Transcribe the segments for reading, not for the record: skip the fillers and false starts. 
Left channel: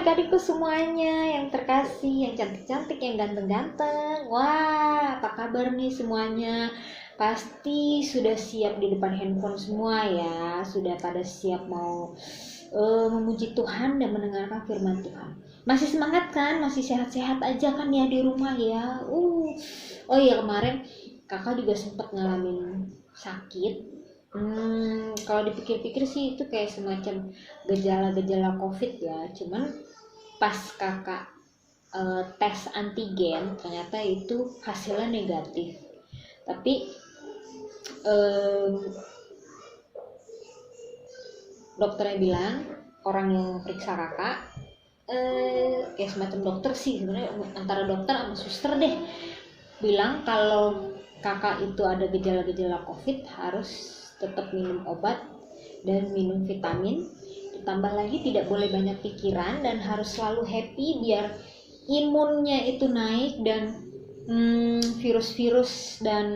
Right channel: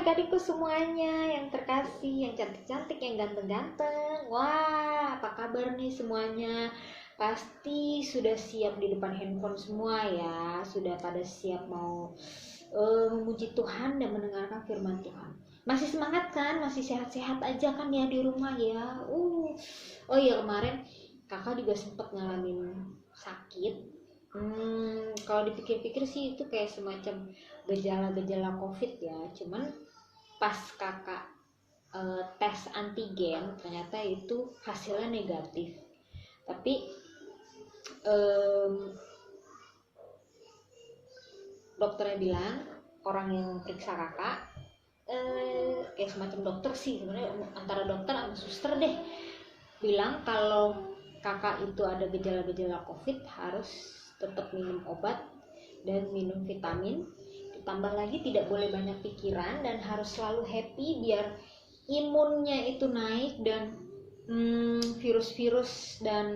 adik-adikku semuanya yang terkasih, yang cantik-cantik, yang ganteng-ganteng. Wah, apa kabar nih semuanya? Pasti sudah siap di depan handphone semua ya. Sudah pada siap mau memuji Tuhan dan mendengarkan firman Tuhan. Masih semangat kan? Masih sehat-sehat aja kan ya di rumah ya? Oh iya, kemarin kakak juga sempat ngalamin sakit. Kalau dipikir-pikir sih itu kayak semacam gejala-gejala COVID ya. Cuman pas kakak tes antigen ternyata itu hasilnya negatif. Tapi dokternya bilang, orang yang periksa kakak kayak semacam dokter sih sebenarnya, antara dokter sama suster deh, bilang kalau kakak itu ada gejala-gejala COVID harus tetap minum obat dan minum vitamin. Ditambah lagi tidak boleh banyak pikiran dan harus selalu happy biar imunnya itu naik dan virus-virus dan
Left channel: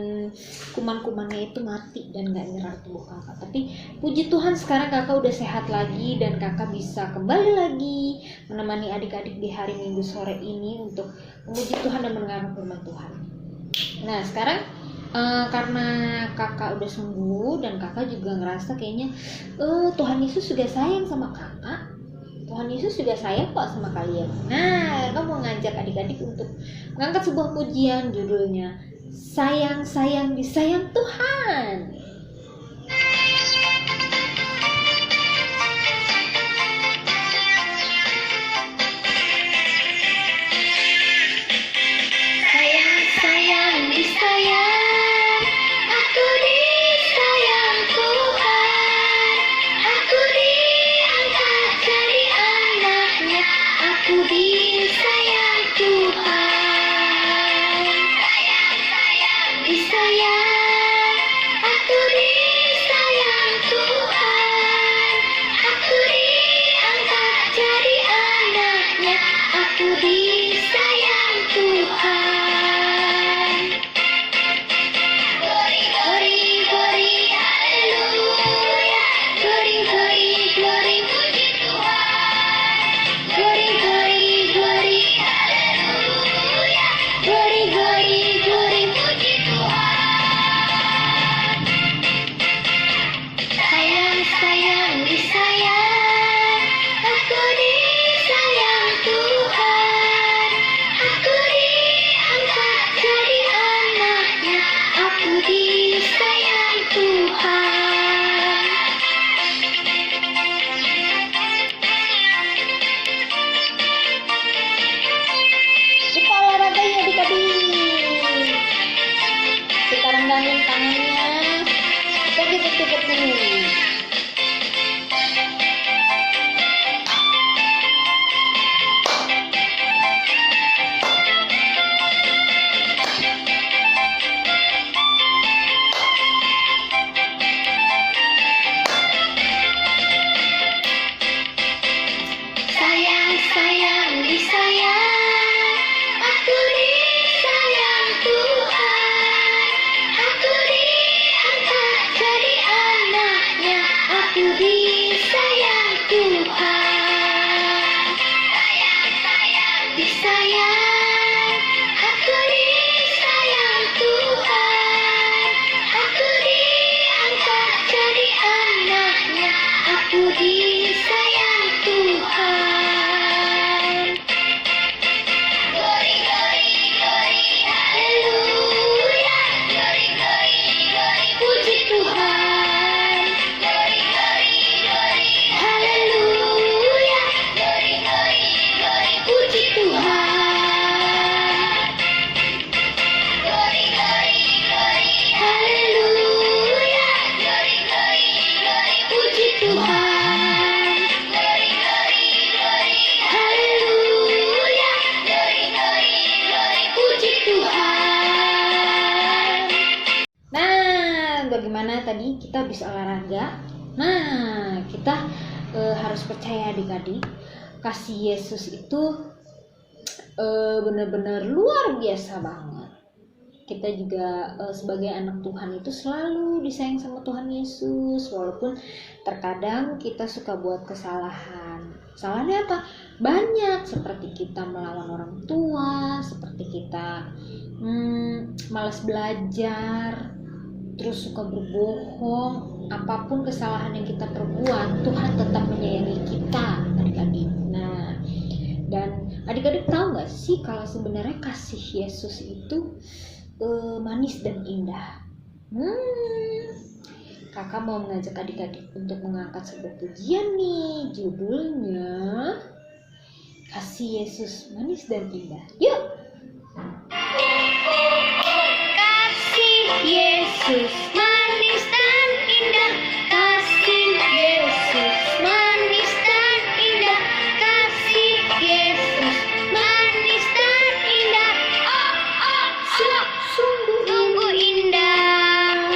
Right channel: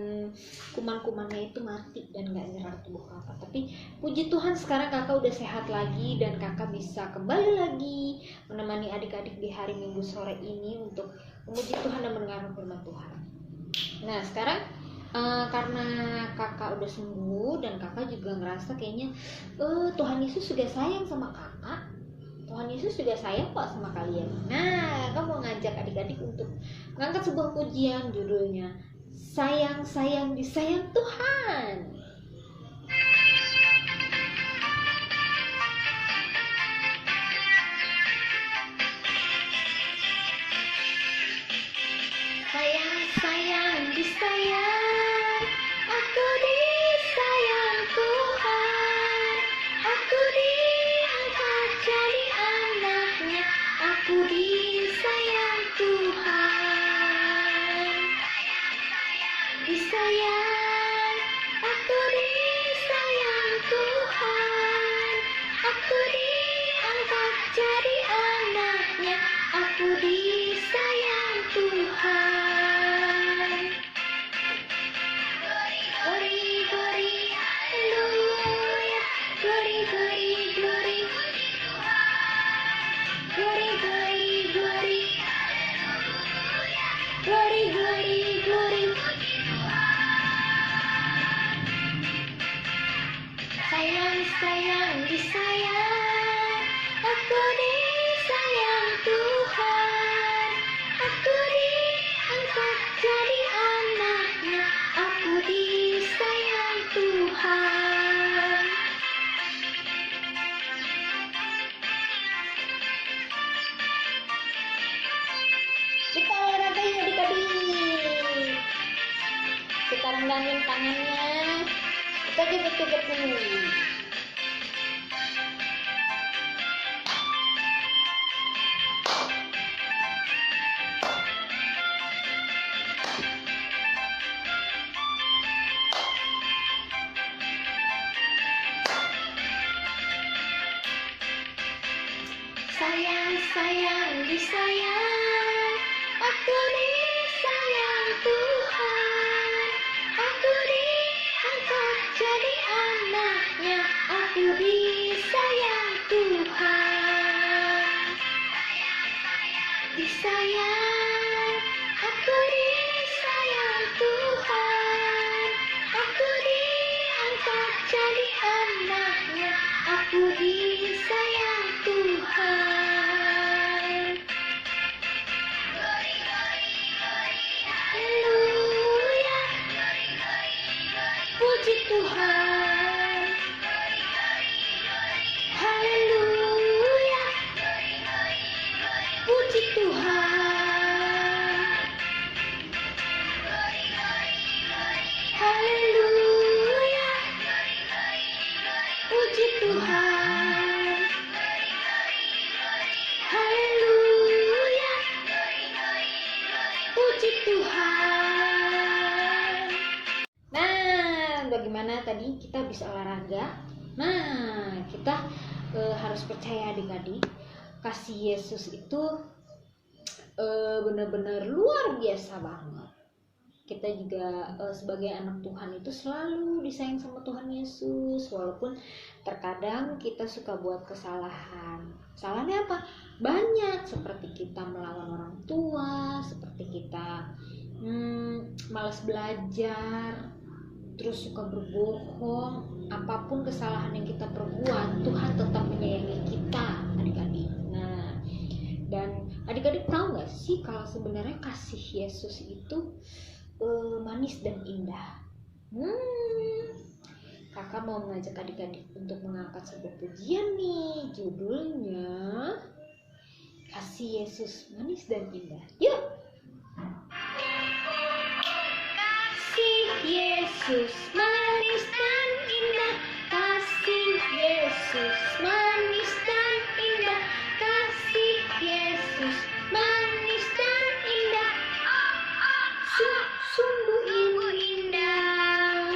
kuman-kumannya itu mati dan gak nyerang tubuh kakak. Tapi puji Tuhan sekarang kakak udah sehat lagi dan kakak bisa kembali lagi menemani adik-adik di hari Minggu sore ini untuk memuji Tuhan dan mendengarkan firman Tuhan. Nah sekarang karena kakak udah sembuh dan kakak juga ngerasa kayaknya Tuhan Yesus juga sayang sama kakak, Tuhan Yesus juga sayang kok sama kalian. Nah kakak mau ngajak adik-adik untuk mengangkat sebuah pujian, judulnya Sayang-sayang disayang Tuhan. Sayang-sayang disayang, aku disayang Tuhan, aku diangkat jadi anaknya, aku disayang Tuhan. Sayang-sayang disayang, aku disayang Tuhan, aku diangkat jadi anaknya, aku disayang Tuhan. Sayang disayang, aku disayang Tuhan, aku diangkat jadi anaknya, aku disayang Tuhan. Kita olahraga ya adik-adik, kita renggangin tangannya, kita kejut-kejut dulu. Sayang disayang, aku disayang Tuhan, aku diangkat jadi anaknya, aku disayang Tuhan. Sayang disayang, aku disayang Tuhan, aku diangkat jadi anaknya, aku disayang Tuhan. Puji Tuhan, haleluya, puji Tuhan, haleluya, puji Tuhan, haleluya, puji Tuhan. Nah, bagaimana tadi kita bisa olahraga? Nah, kita harus percaya adik-adik, kasih Yesus itu benar-benar luar biasa banget. kita juga sebagai anak Tuhan itu selalu disayang sama Tuhan Yesus, walaupun terkadang kita suka buat kesalahan. Kesalahannya apa? Banyak, seperti kita melawan orang tua, seperti kita malas belajar, terus suka berbohong. Apapun kesalahan yang kita perbuat, Tuhan tetap menyayangi kita, adik-adik. Nah, dan adik-adik tahu nggak sih kalau sebenarnya kasih Yesus itu manis dan indah. Kakak mau mengajak adik-adik untuk mengangkat sebuah pujian nih, judulnya Kasih Yesus Manis dan Indah. Yuk! Kasih Yesus manis dan indah, kasih Yesus manis dan indah, kasih Yesus manis dan indah. Sungguh indah,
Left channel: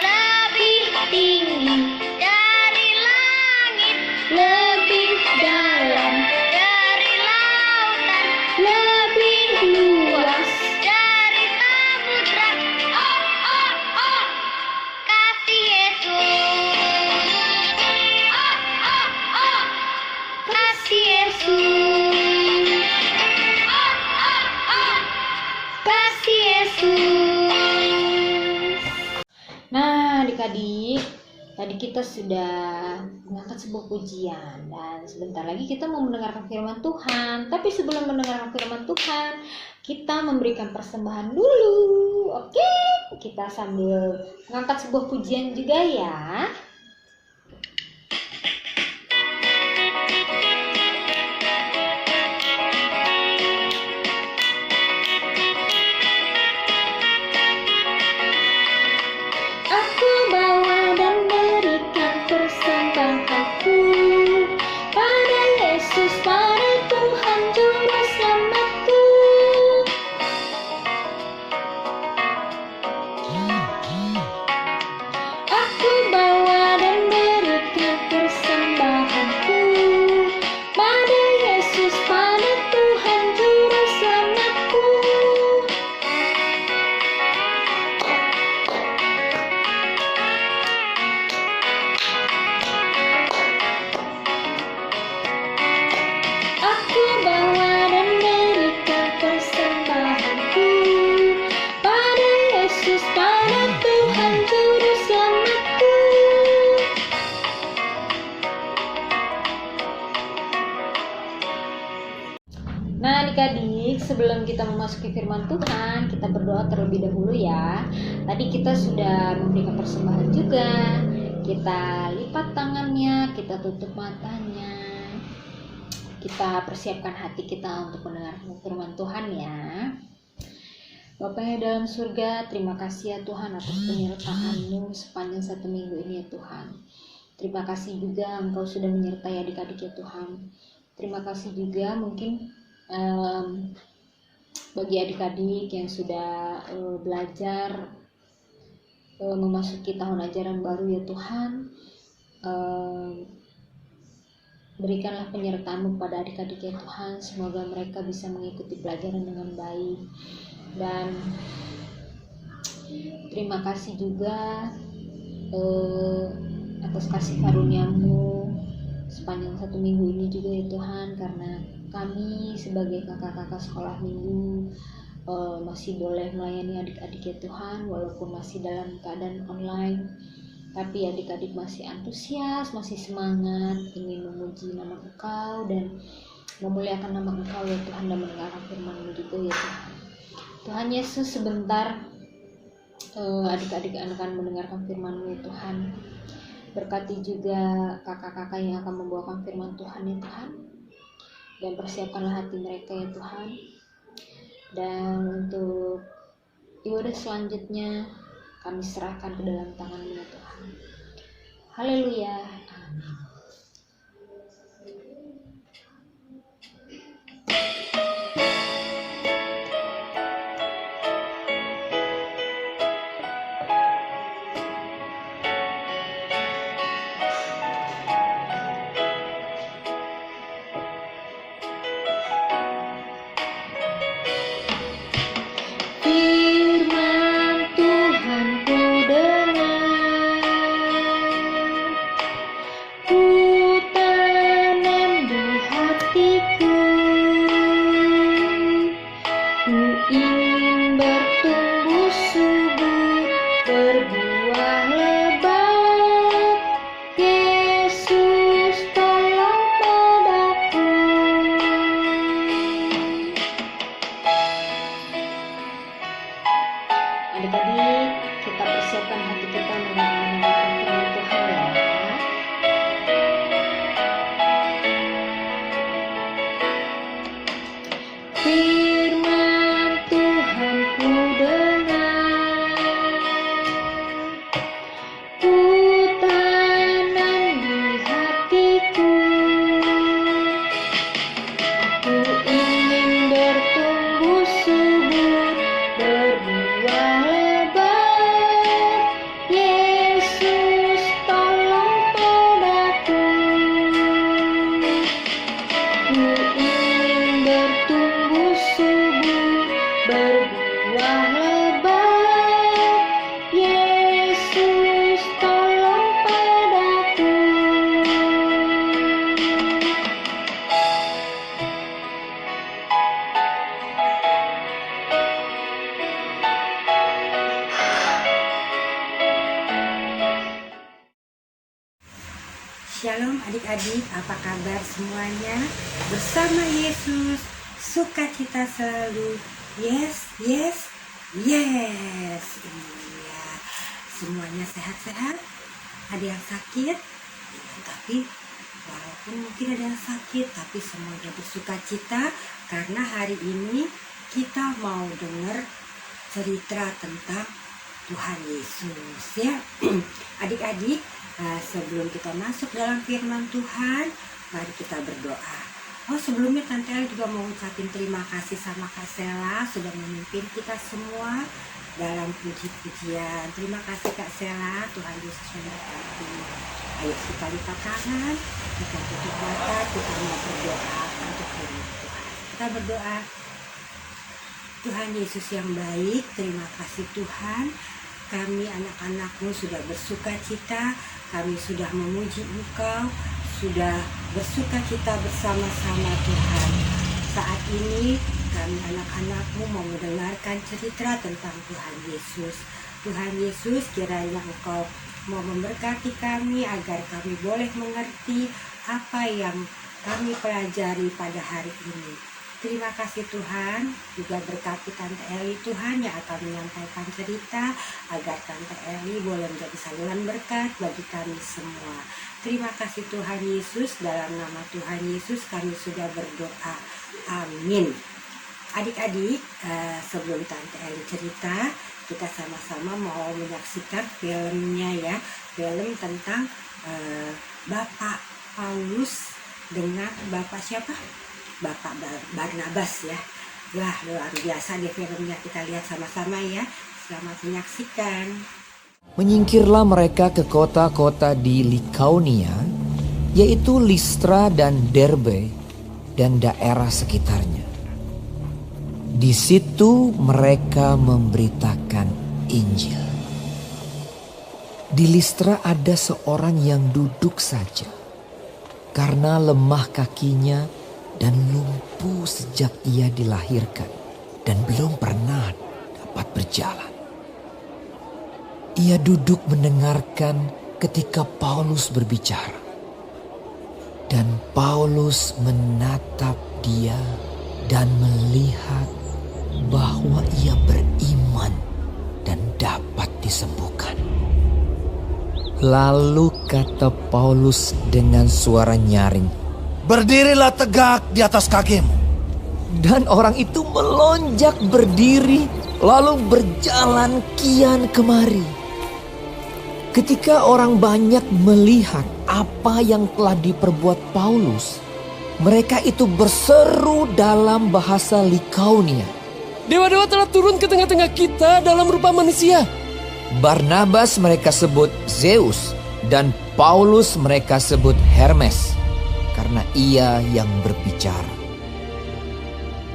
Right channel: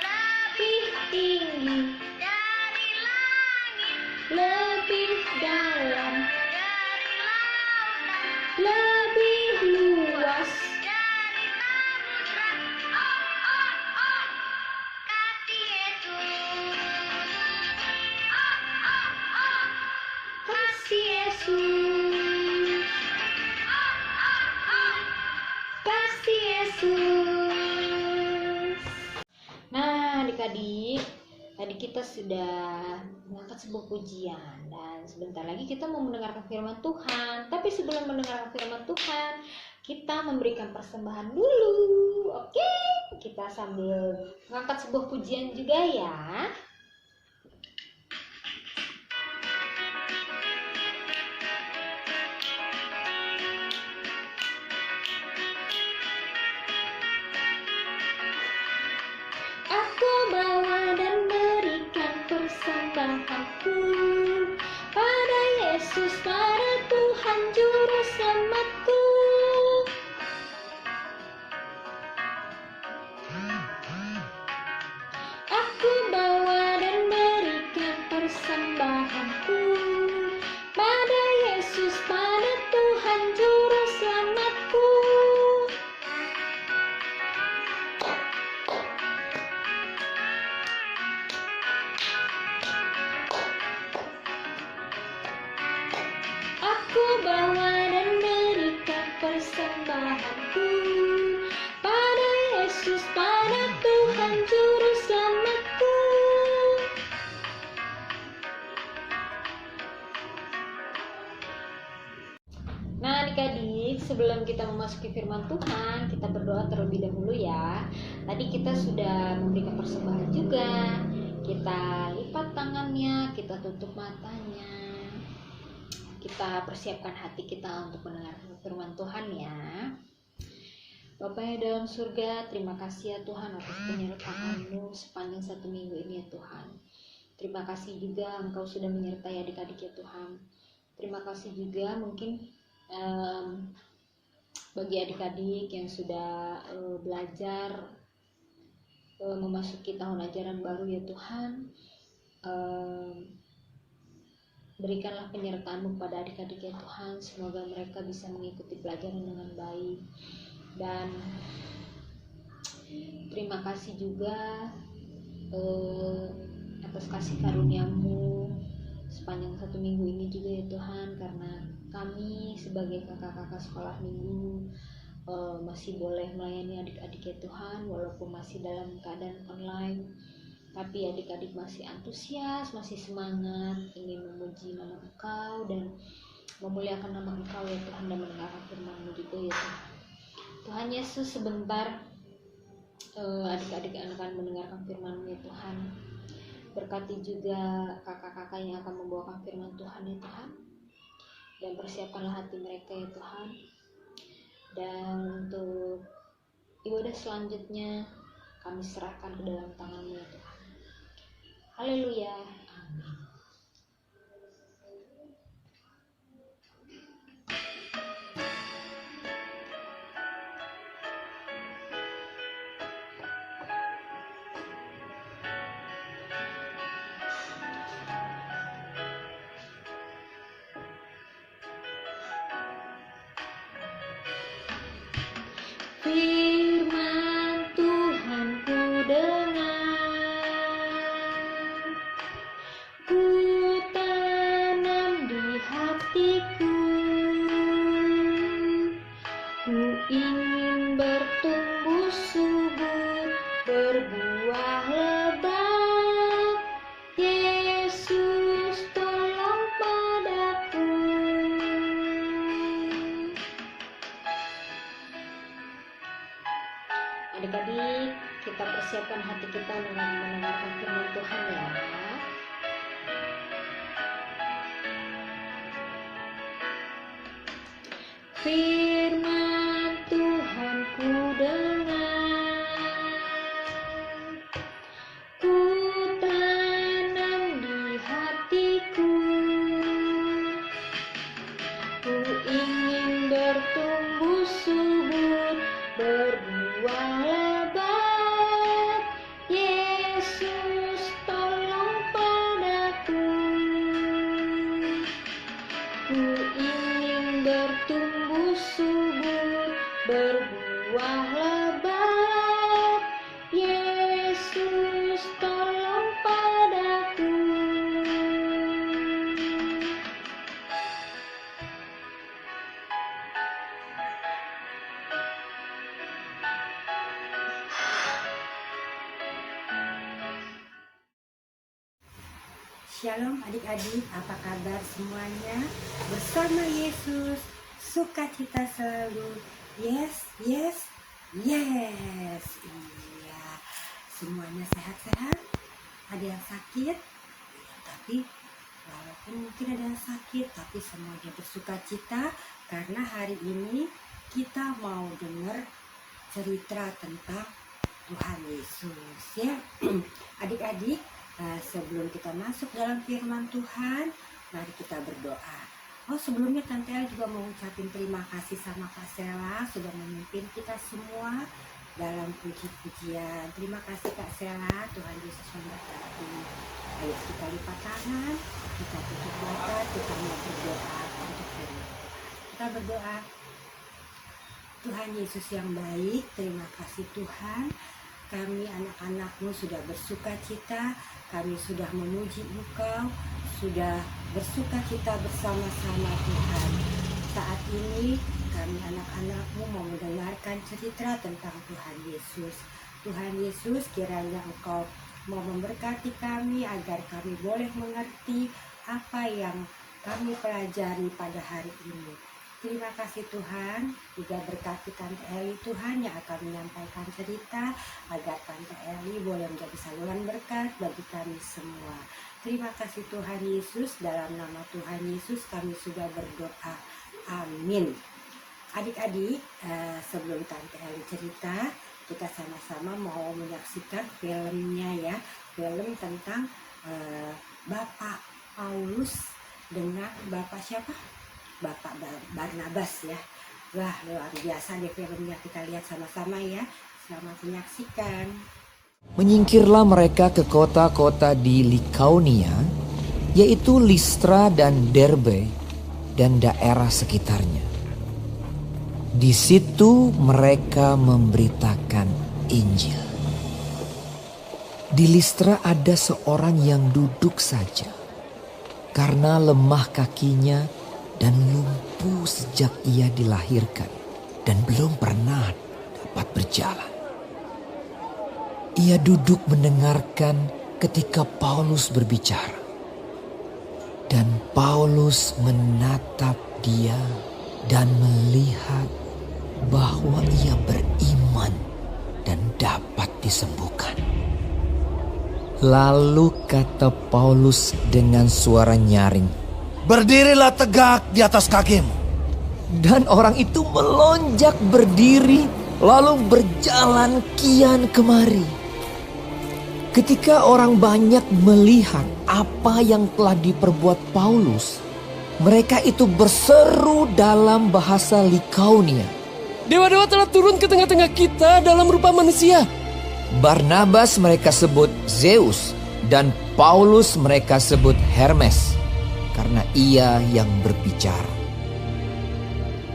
lebih tinggi dari langit, lebih dalam dari lautan, lebih luas dari samudra. Kasih Yesus, kasih Yesus, kasih Yesus. Nah, adik-adik, tadi kita sudah mengangkat sebuah pujian dan sebentar lagi kita mau mendengarkan firman Tuhan. Tapi sebelum mendengarkan firman Tuhan, kita memberikan persembahan dulu. Oke, kita sambil mengangkat sebuah pujian juga ya. Aku bawa dan berikan persembahanku pada Yesus, pada Tuhan Juru Selamatku. Aku bawa dan berikan persembahanku pada Yesus, pada Tuhan Juru Selamatku. Aku bawa dan berikan persembahanku pada Yesus, pada Tuhan Juru Selamatku. Nah, adik-adik, sebelum kita memasuki firman Tuhan, kita berdoa terlebih dahulu ya. Tadi kita sudah memberikan persembahan juga. Kita lipat tangannya, kita tutup matanya. Kita persiapkan hati kita untuk mendengarkan firman Tuhan ya. Bapa yang dalam surga, terima kasih ya Tuhan atas penyertaan-Mu sepanjang 1 minggu ini ya Tuhan. Terima kasih juga Engkau sudah menyertai adik-adik ya Tuhan. Terima kasih juga mungkin bagi adik-adik yang sudah belajar memasuki tahun ajaran baru ya Tuhan. Berikanlah penyertaan-Mu pada adik-adik ya Tuhan. Semoga mereka bisa mengikuti pelajaran dengan baik. Dan terima kasih juga atas kasih karunia-Mu sepanjang 1 minggu ini juga ya Tuhan. Karena kami sebagai kakak-kakak sekolah minggu masih boleh melayani adik-adik ya Tuhan, walaupun masih dalam keadaan online. Tapi adik-adik masih antusias, masih semangat, ingin memuji nama Engkau dan memuliakan nama Engkau ya Tuhan, dan mendengarkan firman-Mu juga ya Tuhan. Tuhan Yesus, sebentar adik-adik akan mendengarkan firman-Mu ya Tuhan. Berkati juga kakak-kakak yang akan membawakan firman Tuhan ya Tuhan. Dan persiapkanlah hati mereka ya Tuhan. Dan untuk ibadah selanjutnya kami serahkan ke dalam tangan-Mu ya Tuhan. Haleluya. Amin. Firman Tuhan ku dengar, ku tanam di hatiku. Ku ingin bertumbuh subur, berbuah lebat. Yesus tolong padaku. Ku ingin bertumbuh subur, berbuah lebat. Yesus tolong padaku. Shalom adik-adik, apa kabar semuanya? Bersama Yesus, sukacita selalu. Yes, yes, yes. Iya, semuanya sehat-sehat. Ada yang sakit, tapi walaupun mungkin ada yang sakit, tapi semuanya bersukacita karena hari ini kita mau dengar cerita tentang Tuhan Yesus ya. Adik-adik, sebelum kita masuk dalam firman Tuhan, mari kita berdoa. Oh, sebelumnya Tante El juga mau ucapin terima kasih sama Kak Sela sudah memimpin kita semua dalam puji-pujian. Terima kasih Kak Sela, Tuhan Yesus memberkati. Ayo kita lipat tangan, kita tutup mata, kita mau berdoa untuk firman Tuhan. Kita berdoa. Tuhan Yesus yang baik, terima kasih Tuhan. Kami anak-anak-Mu sudah bersuka cita, kami sudah memuji Engkau, sudah bersuka cita bersama-sama Tuhan. Saat ini kami anak-anak-Mu mau mendengarkan cerita tentang Tuhan Yesus. Tuhan Yesus, kiranya Engkau mau memberkati kami agar kami boleh mengerti apa yang kami pelajari pada hari ini. Terima kasih Tuhan, juga berkati Tante Eli Tuhan yang akan menyampaikan cerita agar Tante Eli boleh menjadi saluran berkat bagi kami semua. Terima kasih Tuhan Yesus, dalam nama Tuhan Yesus kami sudah berdoa. Amin. Adik-adik, sebelum Tante Eli cerita, kita sama-sama mau menyaksikan filmnya ya. Film tentang Bapak Paulus dengan Bapak siapa? Bapak Barnabas ya. Wah, luar biasa deh filmnya, kita lihat sama-sama ya. Selamat menyaksikan. Menyingkirlah mereka ke kota-kota di Likaonia, yaitu Listra dan Derbe dan daerah sekitarnya. Di situ mereka memberitakan Injil. Di Listra ada seorang yang duduk saja karena lemah kakinya dan lumpuh sejak ia dilahirkan dan belum pernah dapat berjalan. Ia duduk mendengarkan ketika Paulus berbicara. Dan Paulus menatap dia dan melihat bahwa ia beriman dan dapat disembuhkan. Lalu kata Paulus dengan suara nyaring, "Berdirilah tegak di atas kakimu." dan orang itu melonjak berdiri lalu berjalan kian kemari. Ketika orang banyak melihat apa yang telah diperbuat Paulus, mereka itu berseru dalam bahasa Likaonia, "Dewa-dewa telah turun ke tengah-tengah kita dalam rupa manusia." Barnabas mereka sebut Zeus dan Paulus mereka sebut Hermes, karena ia yang berbicara.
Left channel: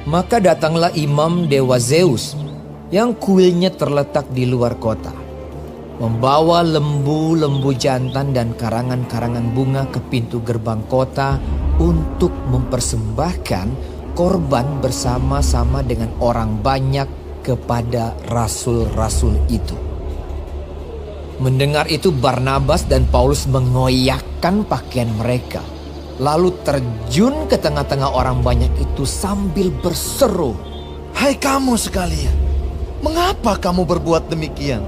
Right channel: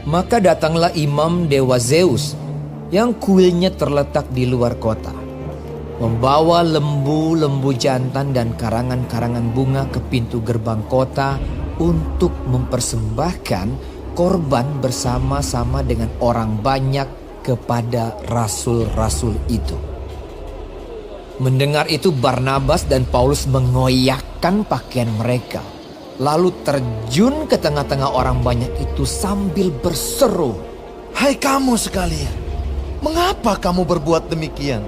Maka datanglah imam dewa Zeus yang kuilnya terletak di luar kota, membawa lembu-lembu jantan dan karangan-karangan bunga ke pintu gerbang kota untuk mempersembahkan korban bersama-sama dengan orang banyak kepada rasul-rasul itu. Mendengar itu Barnabas dan Paulus mengoyakkan pakaian mereka, lalu terjun ke tengah-tengah orang banyak itu sambil berseru, "Hai kamu sekalian, mengapa kamu berbuat demikian?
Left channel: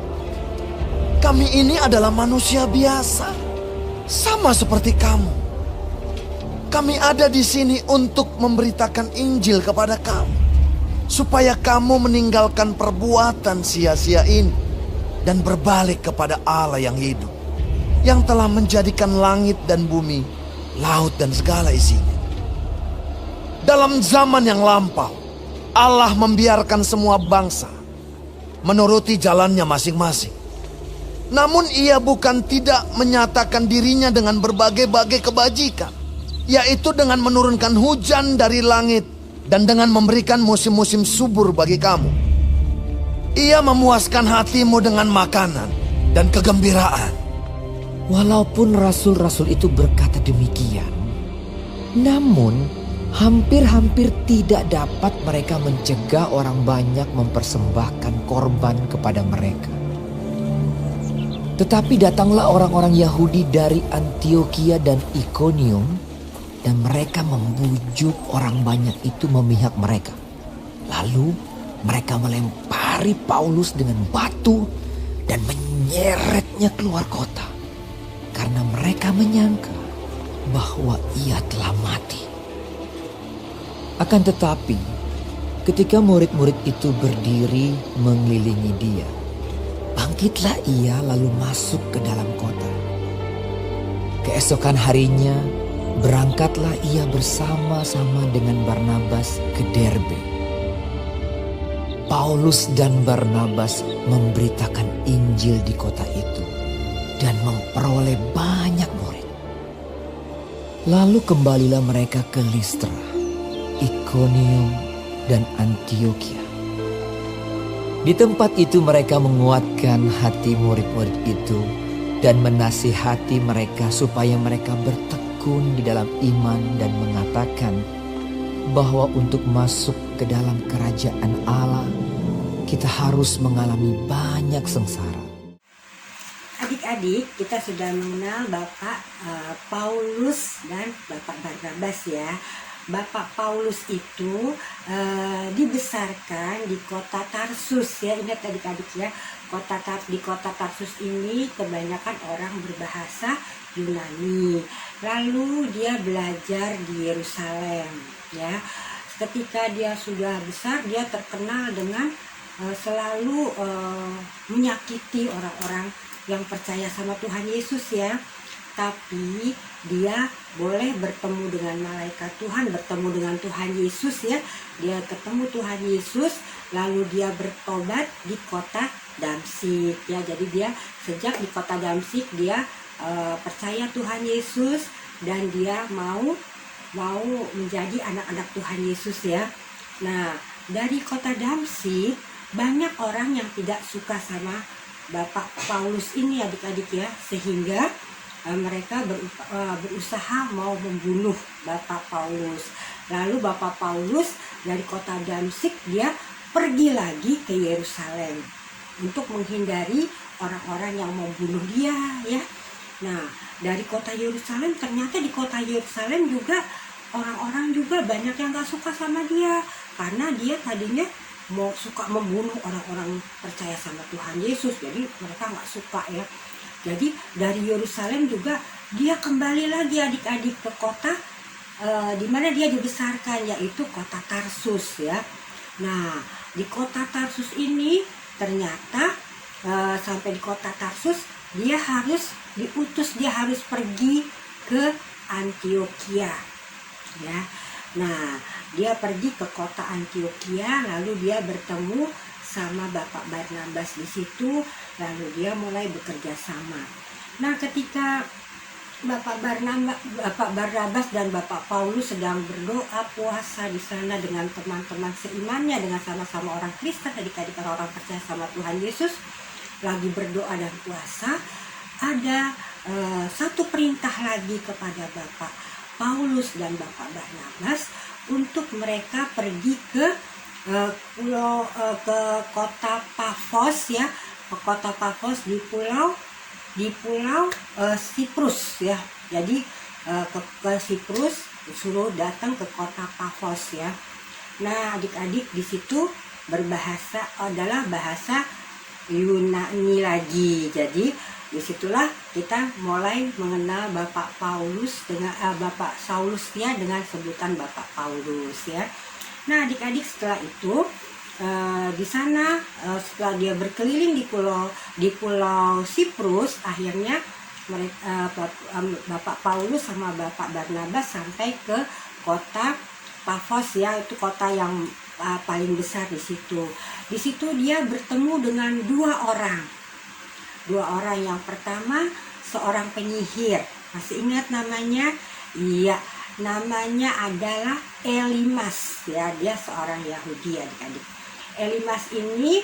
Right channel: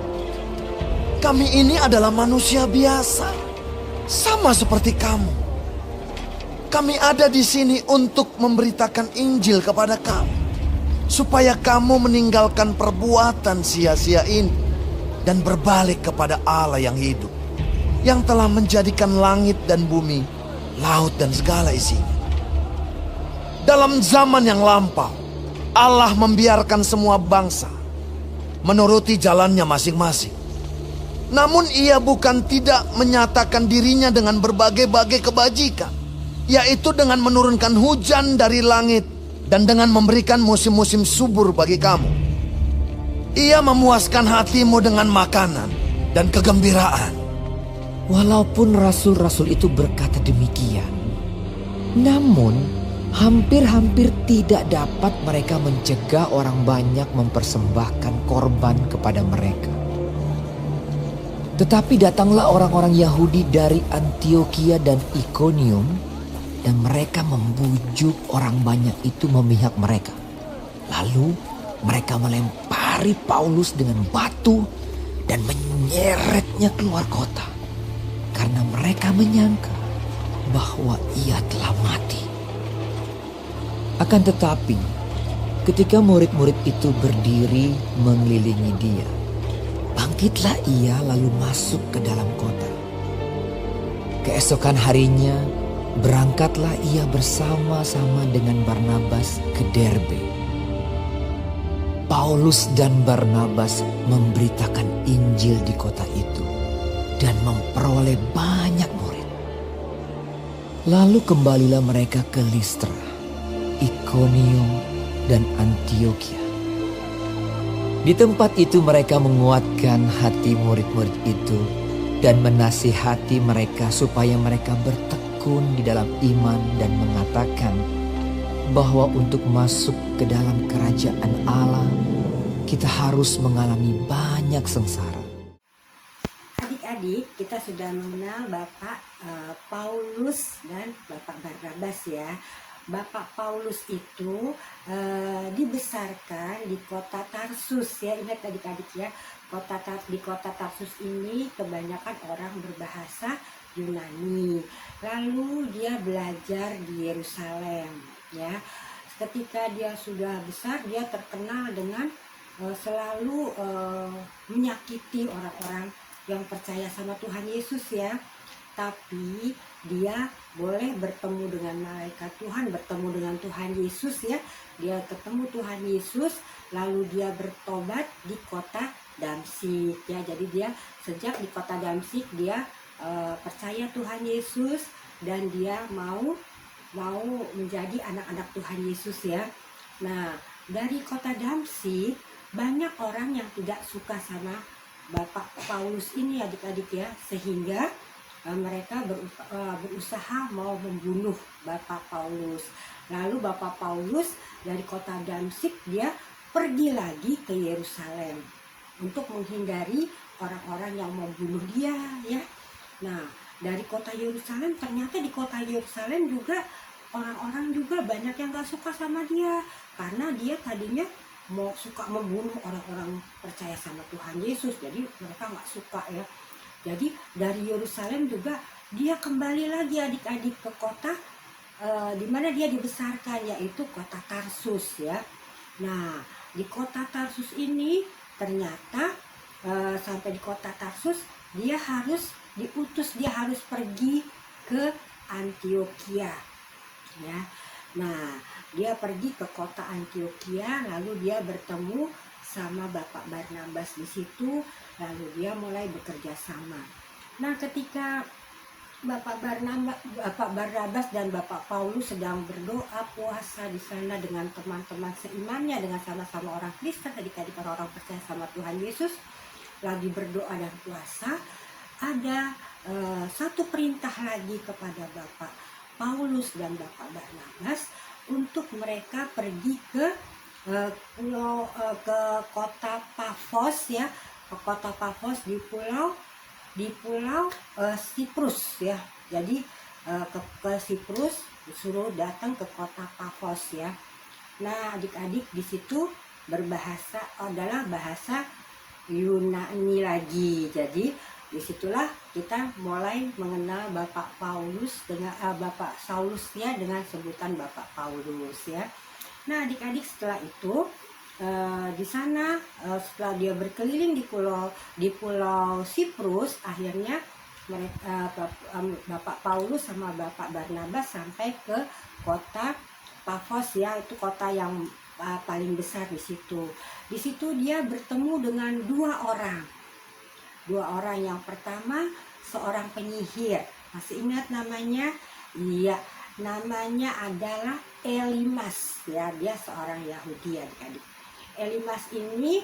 Kami ini adalah manusia biasa, sama seperti kamu. Kami ada di sini untuk memberitakan Injil kepada kamu. supaya kamu meninggalkan perbuatan sia-sia ini dan berbalik kepada Allah yang hidup, yang telah menjadikan langit dan bumi, laut dan segala isinya. Dalam zaman yang lampau, Allah membiarkan semua bangsa menuruti jalannya masing-masing. Namun ia bukan tidak menyatakan dirinya dengan berbagai-bagai kebajikan, yaitu dengan menurunkan hujan dari langit dan dengan memberikan musim-musim subur bagi kamu. Ia memuaskan hatimu dengan makanan dan kegembiraan. Walaupun rasul-rasul itu berkata demikian, namun hampir-hampir tidak dapat mereka mencegah orang banyak mempersembahkan korban kepada mereka. Tetapi datanglah orang-orang Yahudi dari Antiokhia dan Ikonium, dan mereka membujuk orang banyak itu memihak mereka. Lalu mereka melempari Paulus dengan batu dan menyeretnya keluar kota, karena mereka menyangka bahwa ia telah mati. Akan tetapi, ketika murid-murid itu berdiri mengelilingi dia, bangkitlah ia lalu masuk ke dalam kota. Keesokan harinya, berangkatlah ia bersama-sama dengan Barnabas ke Derbe. Paulus dan Barnabas memberitakan Injil di kota itu dan memperoleh banyak murid. Lalu kembalilah mereka ke Listra, Ikonium, dan Antiokhia. Di tempat itu mereka menguatkan hati murid-murid itu dan menasihati mereka supaya mereka bertekun di dalam iman dan mengatakan bahwa untuk masuk ke dalam kerajaan Allah kita harus mengalami banyak sengsara. Adik-adik, kita sudah mengenal Bapak Paulus dan Bapak Barnabas ya. Bapak Paulus itu dibesarkan di kota Tarsus ya. Ingat adik-adik ya, di kota Tarsus ini kebanyakan orang berbahasa Yunani. Lalu dia belajar di Yerusalem ya. Ketika dia sudah besar, dia terkenal dengan selalu menyakiti orang-orang yang percaya sama Tuhan Yesus ya. Tapi dia boleh bertemu dengan malaikat Tuhan, bertemu dengan Tuhan Yesus ya. Dia ketemu Tuhan Yesus, lalu dia bertobat di kota Damsyik ya. Jadi dia sejak di kota Damsyik dia percaya Tuhan Yesus dan dia mau menjadi anak-anak Tuhan Yesus ya. Nah, dari kota Damsyik banyak orang yang tidak suka sama Bapak Paulus ini adik-adik ya, sehingga mereka berusaha mau membunuh Bapak Paulus. Lalu Bapak Paulus dari kota Damsyik dia pergi lagi ke Yerusalem untuk menghindari orang-orang yang membunuh dia ya. Nah, dari kota Yerusalem, ternyata di kota Yerusalem juga orang-orang juga banyak yang gak suka sama dia, karena dia tadinya mau suka membunuh orang-orang percaya sama Tuhan Yesus. Jadi mereka gak suka ya. Jadi dari Yerusalem juga dia kembali lagi adik-adik ke kota di mana dia dibesarkan, yaitu kota Tarsus ya. Nah, di kota Tarsus ini ternyata sampai di kota Tarsus dia harus diutus, dia harus pergi ke Antiokhia ya. Nah, dia pergi ke kota Antiokhia, lalu dia bertemu sama Bapak Barnabas di situ, lalu dia mulai bekerja sama. Nah, ketika Bapak Barnabas dan Bapak Paulus sedang berdoa puasa di sana dengan teman-teman seimannya, dengan sama-sama orang Kristen, adik-adik orang percaya sama Tuhan Yesus, lagi berdoa dan puasa, ada satu perintah lagi kepada Bapak Paulus dan Bapak Barnabas untuk mereka pergi ke ke kota Pafos ya, ke kota Pafos di pulau Siprus ya. Jadi ke Siprus suruh datang ke kota Pafos ya. Nah, adik-adik di situ berbahasa adalah bahasa Yunani lagi. Jadi disitulah kita mulai mengenal Bapak Paulus dengan Bapak Saulus ya, dengan sebutan Bapak Paulus ya. Nah, adik-adik, setelah itu di sana setelah dia berkeliling di pulau Siprus, akhirnya mereka Bapak Paulus sama Bapak Barnabas sampai ke kota Pafos, ya, itu kota yang paling besar di situ. Di situ dia bertemu dengan dua orang. Yang pertama seorang penyihir. Masih ingat namanya? Iya, namanya adalah Elimas, ya, dia seorang Yahudi, adik-adik. Elimas ini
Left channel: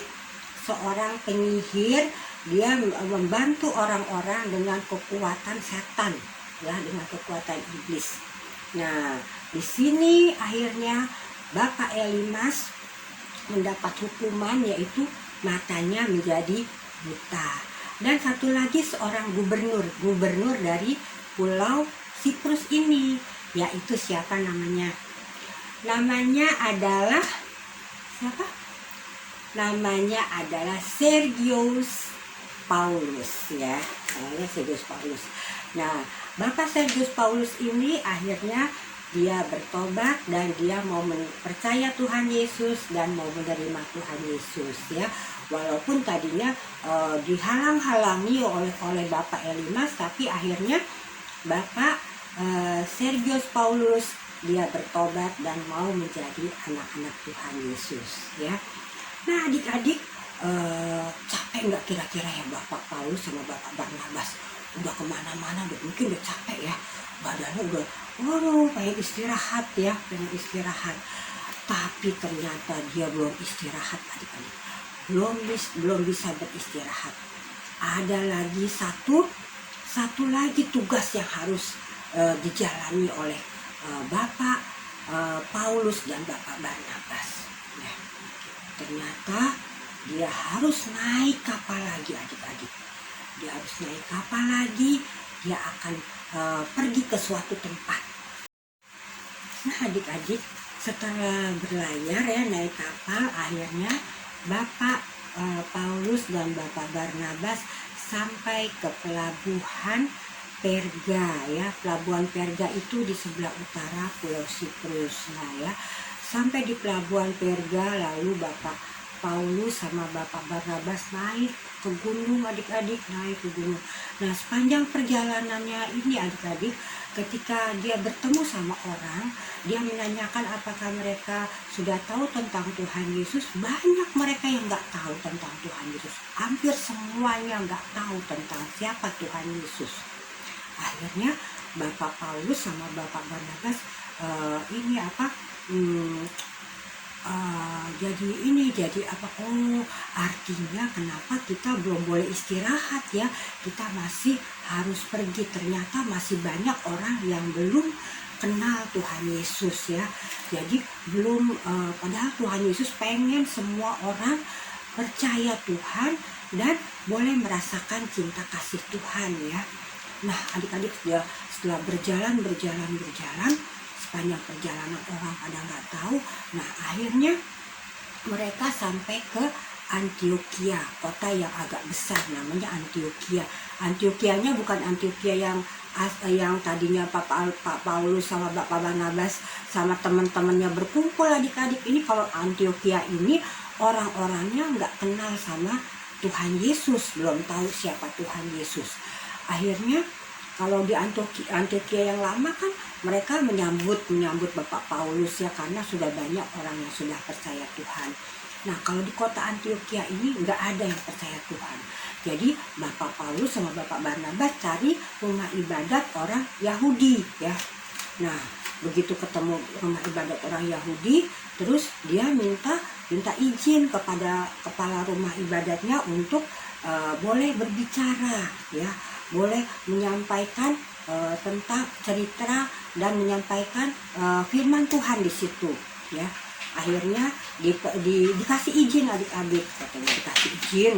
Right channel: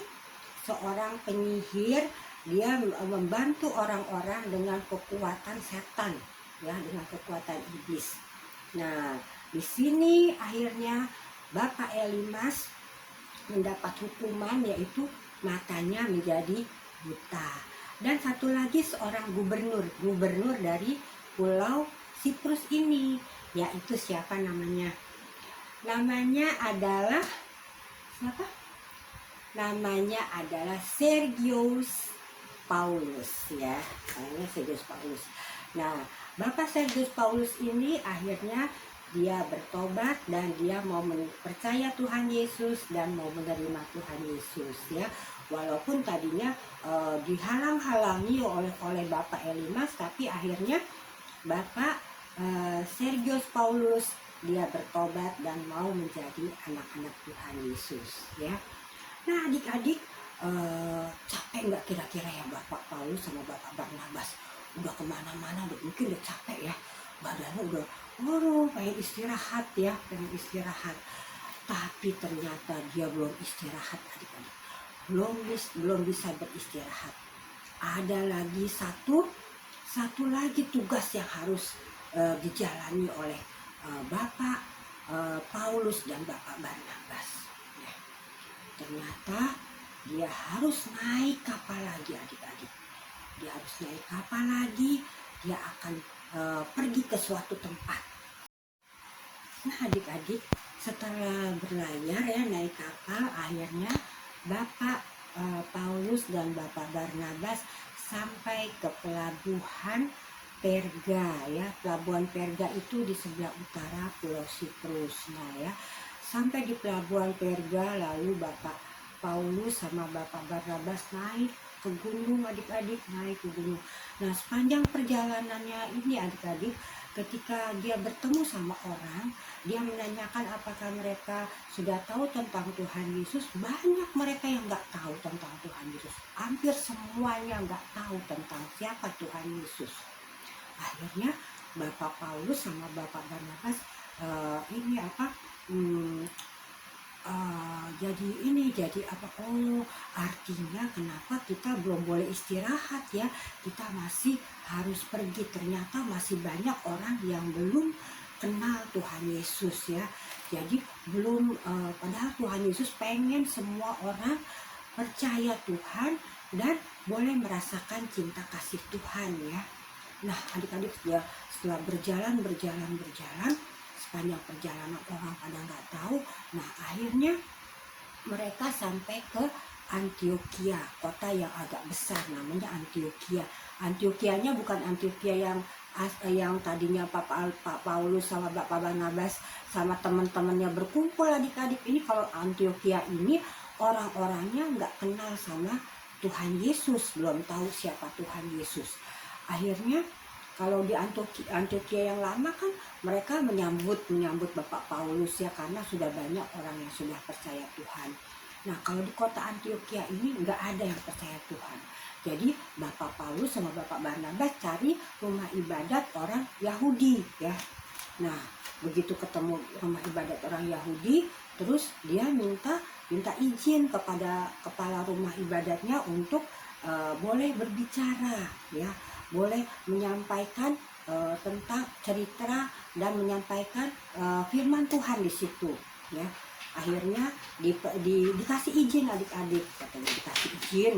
seorang penyihir, dia membantu orang-orang dengan kekuatan setan, ya, dengan kekuatan iblis. Nah, di sini akhirnya Bapak Elimas mendapat hukuman, yaitu matanya menjadi buta. Dan satu lagi seorang gubernur dari pulau Siprus ini, yaitu siapa namanya? Namanya adalah siapa? Namanya adalah Sergius Paulus, ya. Namanya Sergius Paulus. Nah, Bapak Sergius Paulus ini akhirnya dia bertobat dan dia mau percaya Tuhan Yesus dan mau menerima Tuhan Yesus, ya. Walaupun tadinya dihalang-halangi oleh Bapak Elimas, tapi akhirnya Bapak Sergius Paulus dia bertobat dan mau menjadi anak-anak Tuhan Yesus, ya. Nah, adik-adik, capek nggak kira-kira ya Bapak Paulus sama Bapak Barnabas? Udah kemana-mana, mungkin udah capek ya, badannya udah, pengen istirahat, ya, Tapi ternyata dia belum istirahat, adik-adik. Belum bisa beristirahat. Ada lagi satu lagi tugas yang harus dijalani oleh Bapak Paulus dan Bapak Barnabas. Ya. Ternyata dia harus naik kapal lagi, adik-adik. Dia akan pergi ke suatu tempat. Nah, adik-adik, setelah berlayar, ya, naik kapal, akhirnya Bapak Paulus dan Bapak Barnabas sampai ke pelabuhan Perga, ya. Pelabuhan Perga itu di sebelah utara Pulau Siprus. Nah, ya, sampai di pelabuhan Perga, lalu Bapak Paulus sama Bapak Barnabas naik ke gunung, adik-adik, naik ke gunung. Nah, sepanjang perjalanannya ini, adik-adik, ketika dia bertemu sama orang, dia menanyakan apakah mereka sudah tahu tentang Tuhan Yesus. Banyak mereka yang nggak tahu tentang Tuhan Yesus. Hampir semuanya nggak tahu tentang siapa Tuhan Yesus. Akhirnya Bapak Paulus sama Bapak Barnabas artinya kenapa kita belum boleh istirahat, ya, kita masih harus pergi. Ternyata masih banyak orang yang belum kenal Tuhan Yesus, ya. Jadi padahal Tuhan Yesus pengen semua orang percaya Tuhan dan boleh merasakan cinta kasih Tuhan, ya. Nah, adik-adik, setelah berjalan sepanjang perjalanan orang pada nggak tahu. Nah, akhirnya mereka sampai ke Antioquia, kota yang agak besar, namanya Antioquia. Antioquianya bukan Antioquia yang tadinya Pak Paulus sama Bapak Barnabas sama teman-temannya berkumpul, adik-adik. Ini kalau Antioquia ini orang-orangnya nggak kenal sama Tuhan Yesus, belum tahu siapa Tuhan Yesus. Akhirnya kalau di Antioquia yang lama kan mereka menyambut Bapak Paulus, ya, karena sudah banyak orang yang sudah percaya Tuhan. Nah, kalau di kota Antioquia ini nggak ada yang percaya Tuhan. Jadi Bapak Paulus sama Bapak Barnabas cari rumah ibadat orang Yahudi, ya. Nah, begitu ketemu rumah ibadat orang Yahudi, terus dia minta izin kepada kepala rumah ibadatnya untuk boleh berbicara, ya, boleh menyampaikan tentang cerita dan menyampaikan firman Tuhan di situ, ya. Akhirnya dikasih izin, adik-adik, katanya dikasih izin.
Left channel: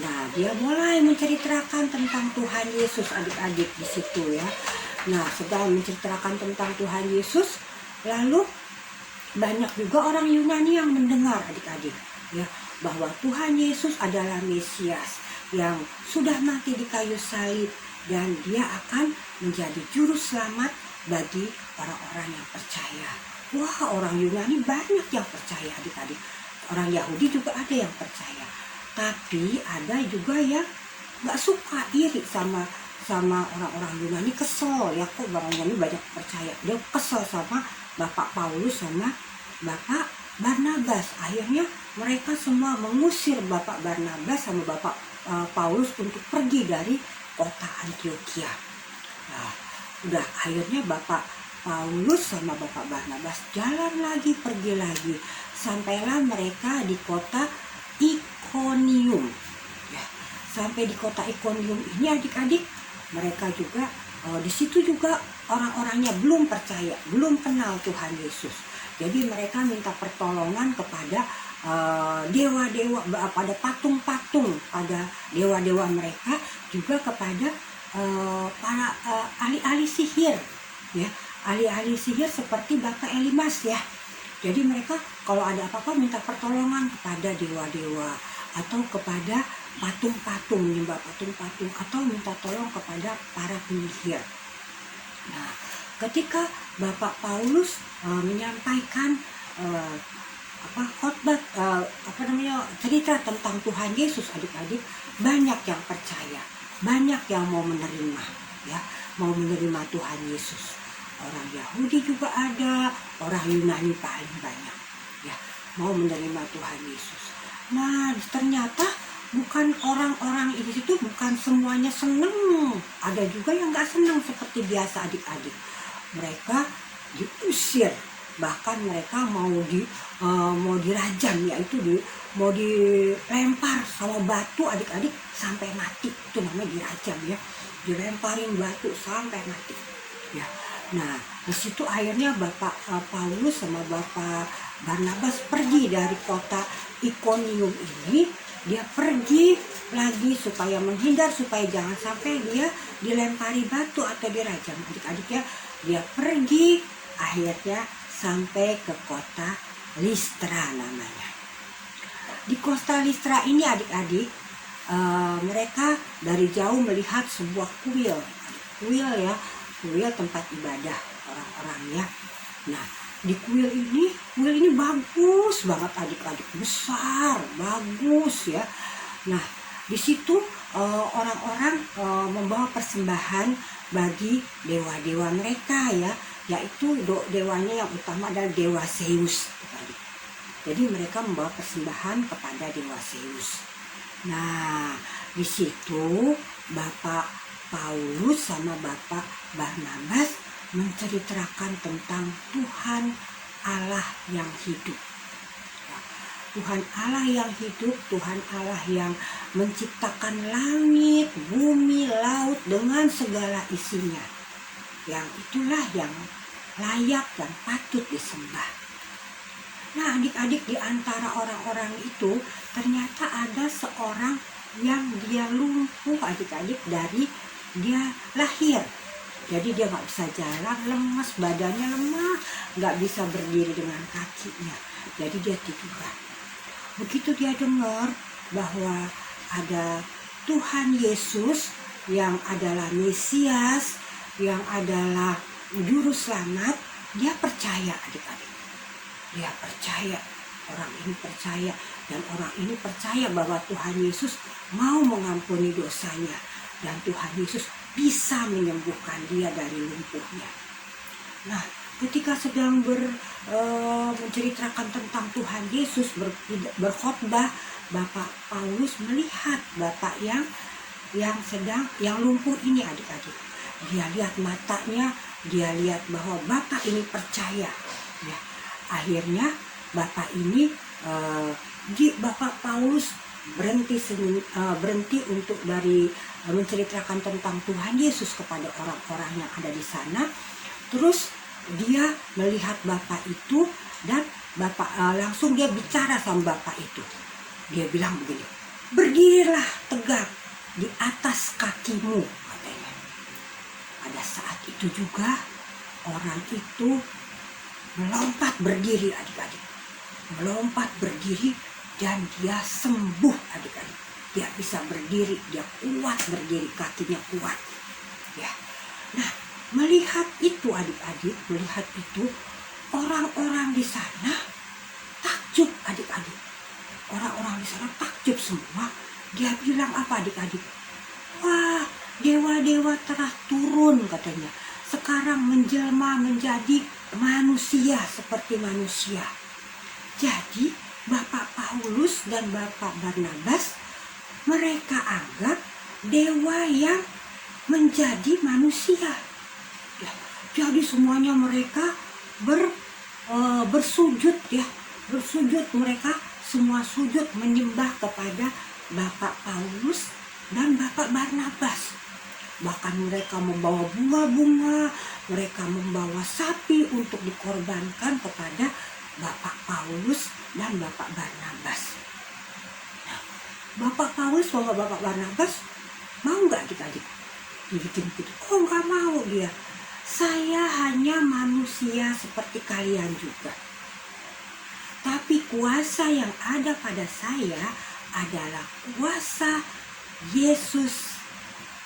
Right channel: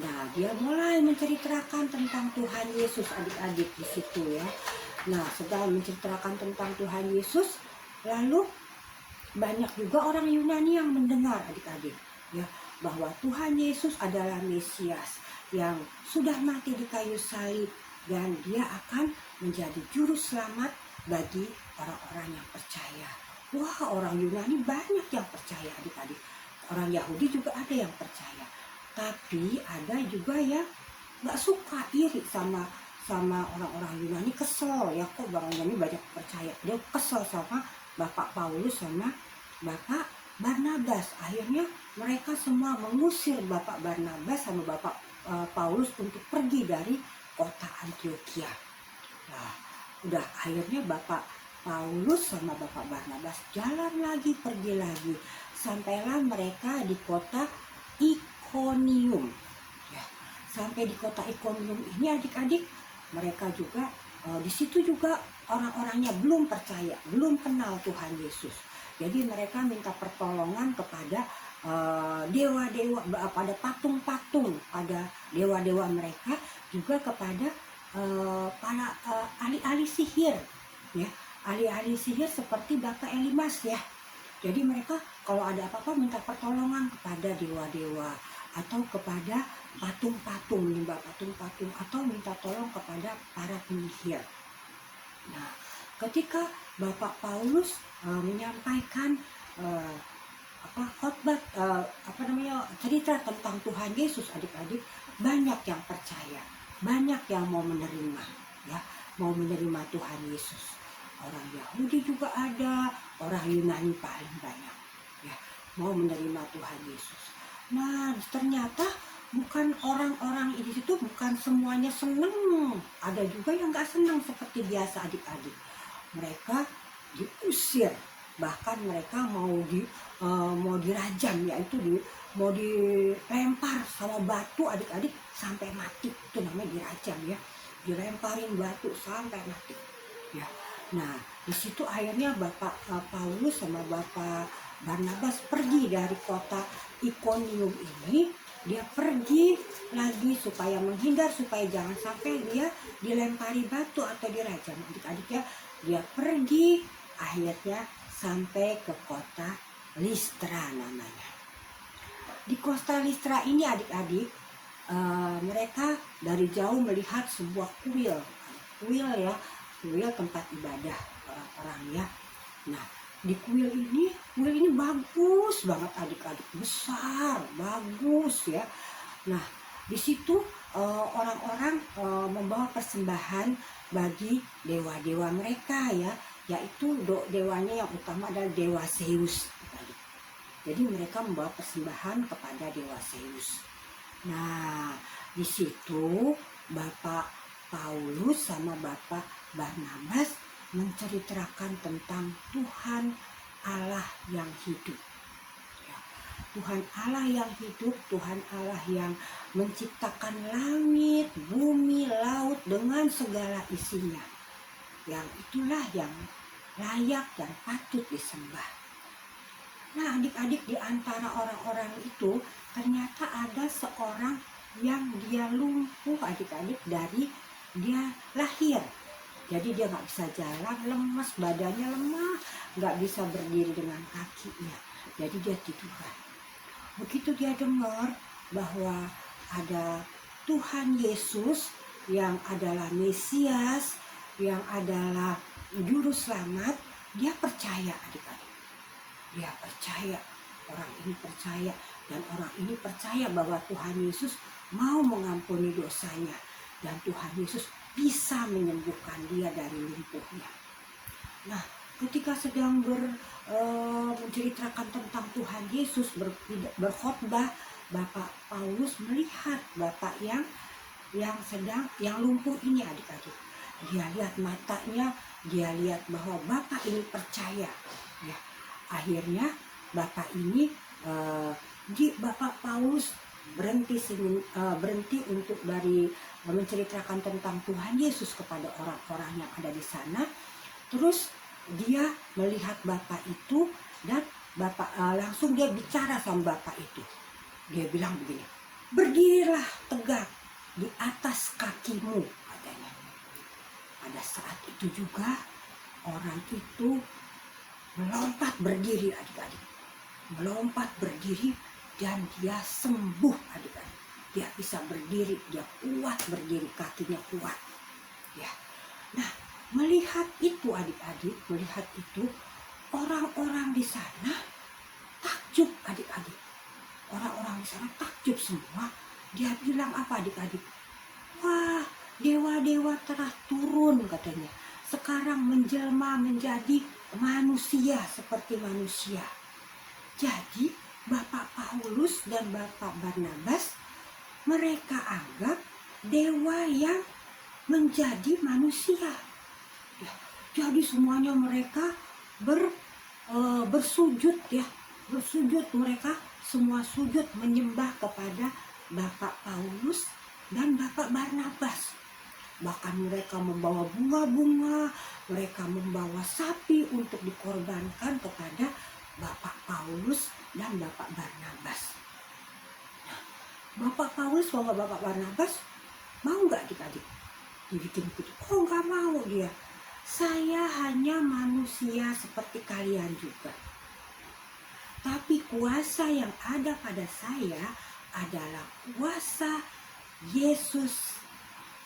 Nah, dia mulai menceritakan tentang Tuhan Yesus, adik-adik, di situ, ya. Nah, setelah menceritakan tentang Tuhan Yesus, lalu banyak juga orang Yunani yang mendengar, adik-adik, ya, bahwa Tuhan Yesus adalah Mesias yang sudah mati di kayu salib dan dia akan menjadi juru selamat bagi orang-orang yang percaya. Wah, orang Yunani banyak yang percaya adik-adik. Orang Yahudi juga ada yang percaya. Tapi ada juga yang nggak suka, iri sama orang-orang Yunani, kesel ya, kok orang Yunani banyak percaya. Dia kesel sama Bapak Paulus sama Bapak Barnabas. Akhirnya mereka semua mengusir Bapak Barnabas sama Bapak Paulus untuk pergi dari kota Antioquia. Nah, udah akhirnya Bapak Paulus sama Bapak Barnabas jalan lagi, pergi lagi, sampailah mereka di kota Ikonium. Ya, sampai di kota Ikonium ini adik-adik, mereka juga di situ juga orang-orangnya belum percaya, belum kenal Tuhan Yesus. Jadi mereka minta pertolongan kepada dewa-dewa, pada patung-patung, pada dewa-dewa mereka, juga kepada para ahli-ahli sihir, ya, ahli-ahli sihir seperti Bapak Elimas ya. Jadi mereka kalau ada apa-apa minta pertolongan kepada dewa-dewa atau kepada patung-patung, menyembah patung-patung, atau minta tolong kepada para penyihir. Nah, ketika Bapak Paulus menyampaikan khotbah, cerita tentang Tuhan Yesus adik-adik, banyak yang percaya, banyak yang mau menerima, ya, mau menerima Tuhan Yesus. Orang Yahudi juga ada, orang Yunani paling banyak, ya, mau menerima Tuhan Yesus. Nah, ternyata bukan orang-orang di situ bukan semuanya senang, ada juga yang nggak senang seperti biasa adik-adik. Mereka diusir, bahkan mereka mau dirajam, yaitu mau dilempar sama batu adik-adik sampai mati. Itu namanya dirajam ya, dilemparin batu sampai mati ya. Nah, di situ akhirnya Bapak Paulus sama Bapak Barnabas pergi dari kota Ikonium ini. Dia pergi lagi supaya menghindar, supaya jangan sampai dia dilempari batu atau dirajam adik-adik ya. Dia pergi, akhirnya sampai ke kota Listra namanya. Di kota Listra ini adik-adik, mereka dari jauh melihat sebuah kuil ya, kuil tempat ibadah orang-orangnya. Nah, di kuil ini bagus banget adik-adik, besar, bagus ya. Nah, di situ orang-orang membawa persembahan bagi dewa-dewa mereka ya, yaitu dewanya yang utama adalah dewa Zeus. Jadi mereka membawa persembahan kepada dewa Zeus. Nah, di situ Bapak Paulus sama Bapak Barnabas menceritakan tentang Tuhan Allah yang hidup. Tuhan Allah yang hidup, Tuhan Allah yang menciptakan langit, bumi, laut dengan segala isinya. Yang itulah yang layak dan patut disembah. Nah, adik-adik, di antara orang-orang itu ternyata ada seorang yang dia lumpuh adik-adik dari dia lahir. Jadi dia nggak bisa jalan, lemas, badannya lemah, nggak bisa berdiri dengan kakinya. Jadi dia tiduran. Begitu dia dengar bahwa ada Tuhan Yesus yang adalah Mesias, yang adalah Juru Selamat, dia percaya adik-adik. Dia percaya, orang ini percaya, dan orang ini percaya bahwa Tuhan Yesus mau mengampuni dosanya. Dan Tuhan Yesus bisa menyembuhkan dia dari lumpuhnya. Nah, ketika sedang menceritakan tentang Tuhan Yesus, berkhotbah, Bapak Paulus melihat Bapak yang lumpuh ini adik-adik. Dia lihat matanya, dia lihat bahwa Bapak ini percaya. Ya, akhirnya Bapak ini Bapak Paulus berhenti untuk menceritakan tentang Tuhan Yesus kepada orang-orang yang ada di sana. Terus dia melihat Bapak itu, dan Bapak langsung dia bicara sama Bapak itu. Dia bilang begini, "Berdirilah tegak di atas kakimu," katanya. Pada saat itu juga orang itu melompat berdiri adik-adik. Melompat berdiri dan dia sembuh adik-adik. Dia bisa berdiri, dia kuat berdiri, kakinya kuat. Ya. Nah, melihat itu adik-adik, melihat itu orang-orang di sana takjub adik-adik. Orang-orang di sana takjub semua. Dia bilang apa adik-adik? Wah, dewa-dewa telah turun katanya. Sekarang menjelma menjadi manusia seperti manusia. Jadi Bapak Paulus dan Bapak Barnabas mereka anggap dewa yang menjadi manusia. Ya, jadi semuanya mereka bersujud ya, bersujud, mereka semua sujud menyembah kepada Bapak Paulus dan Bapak Barnabas. Bahkan mereka membawa bunga-bunga, mereka membawa sapi untuk dikorbankan kepada Bapak Paulus dan Bapak Barnabas. Nah, Bapak Paulus sama Bapak Barnabas mau nggak adik-adik dibikin gitu? Oh, nggak mau dia. Saya hanya manusia seperti kalian juga. Tapi kuasa yang ada pada saya adalah kuasa Yesus,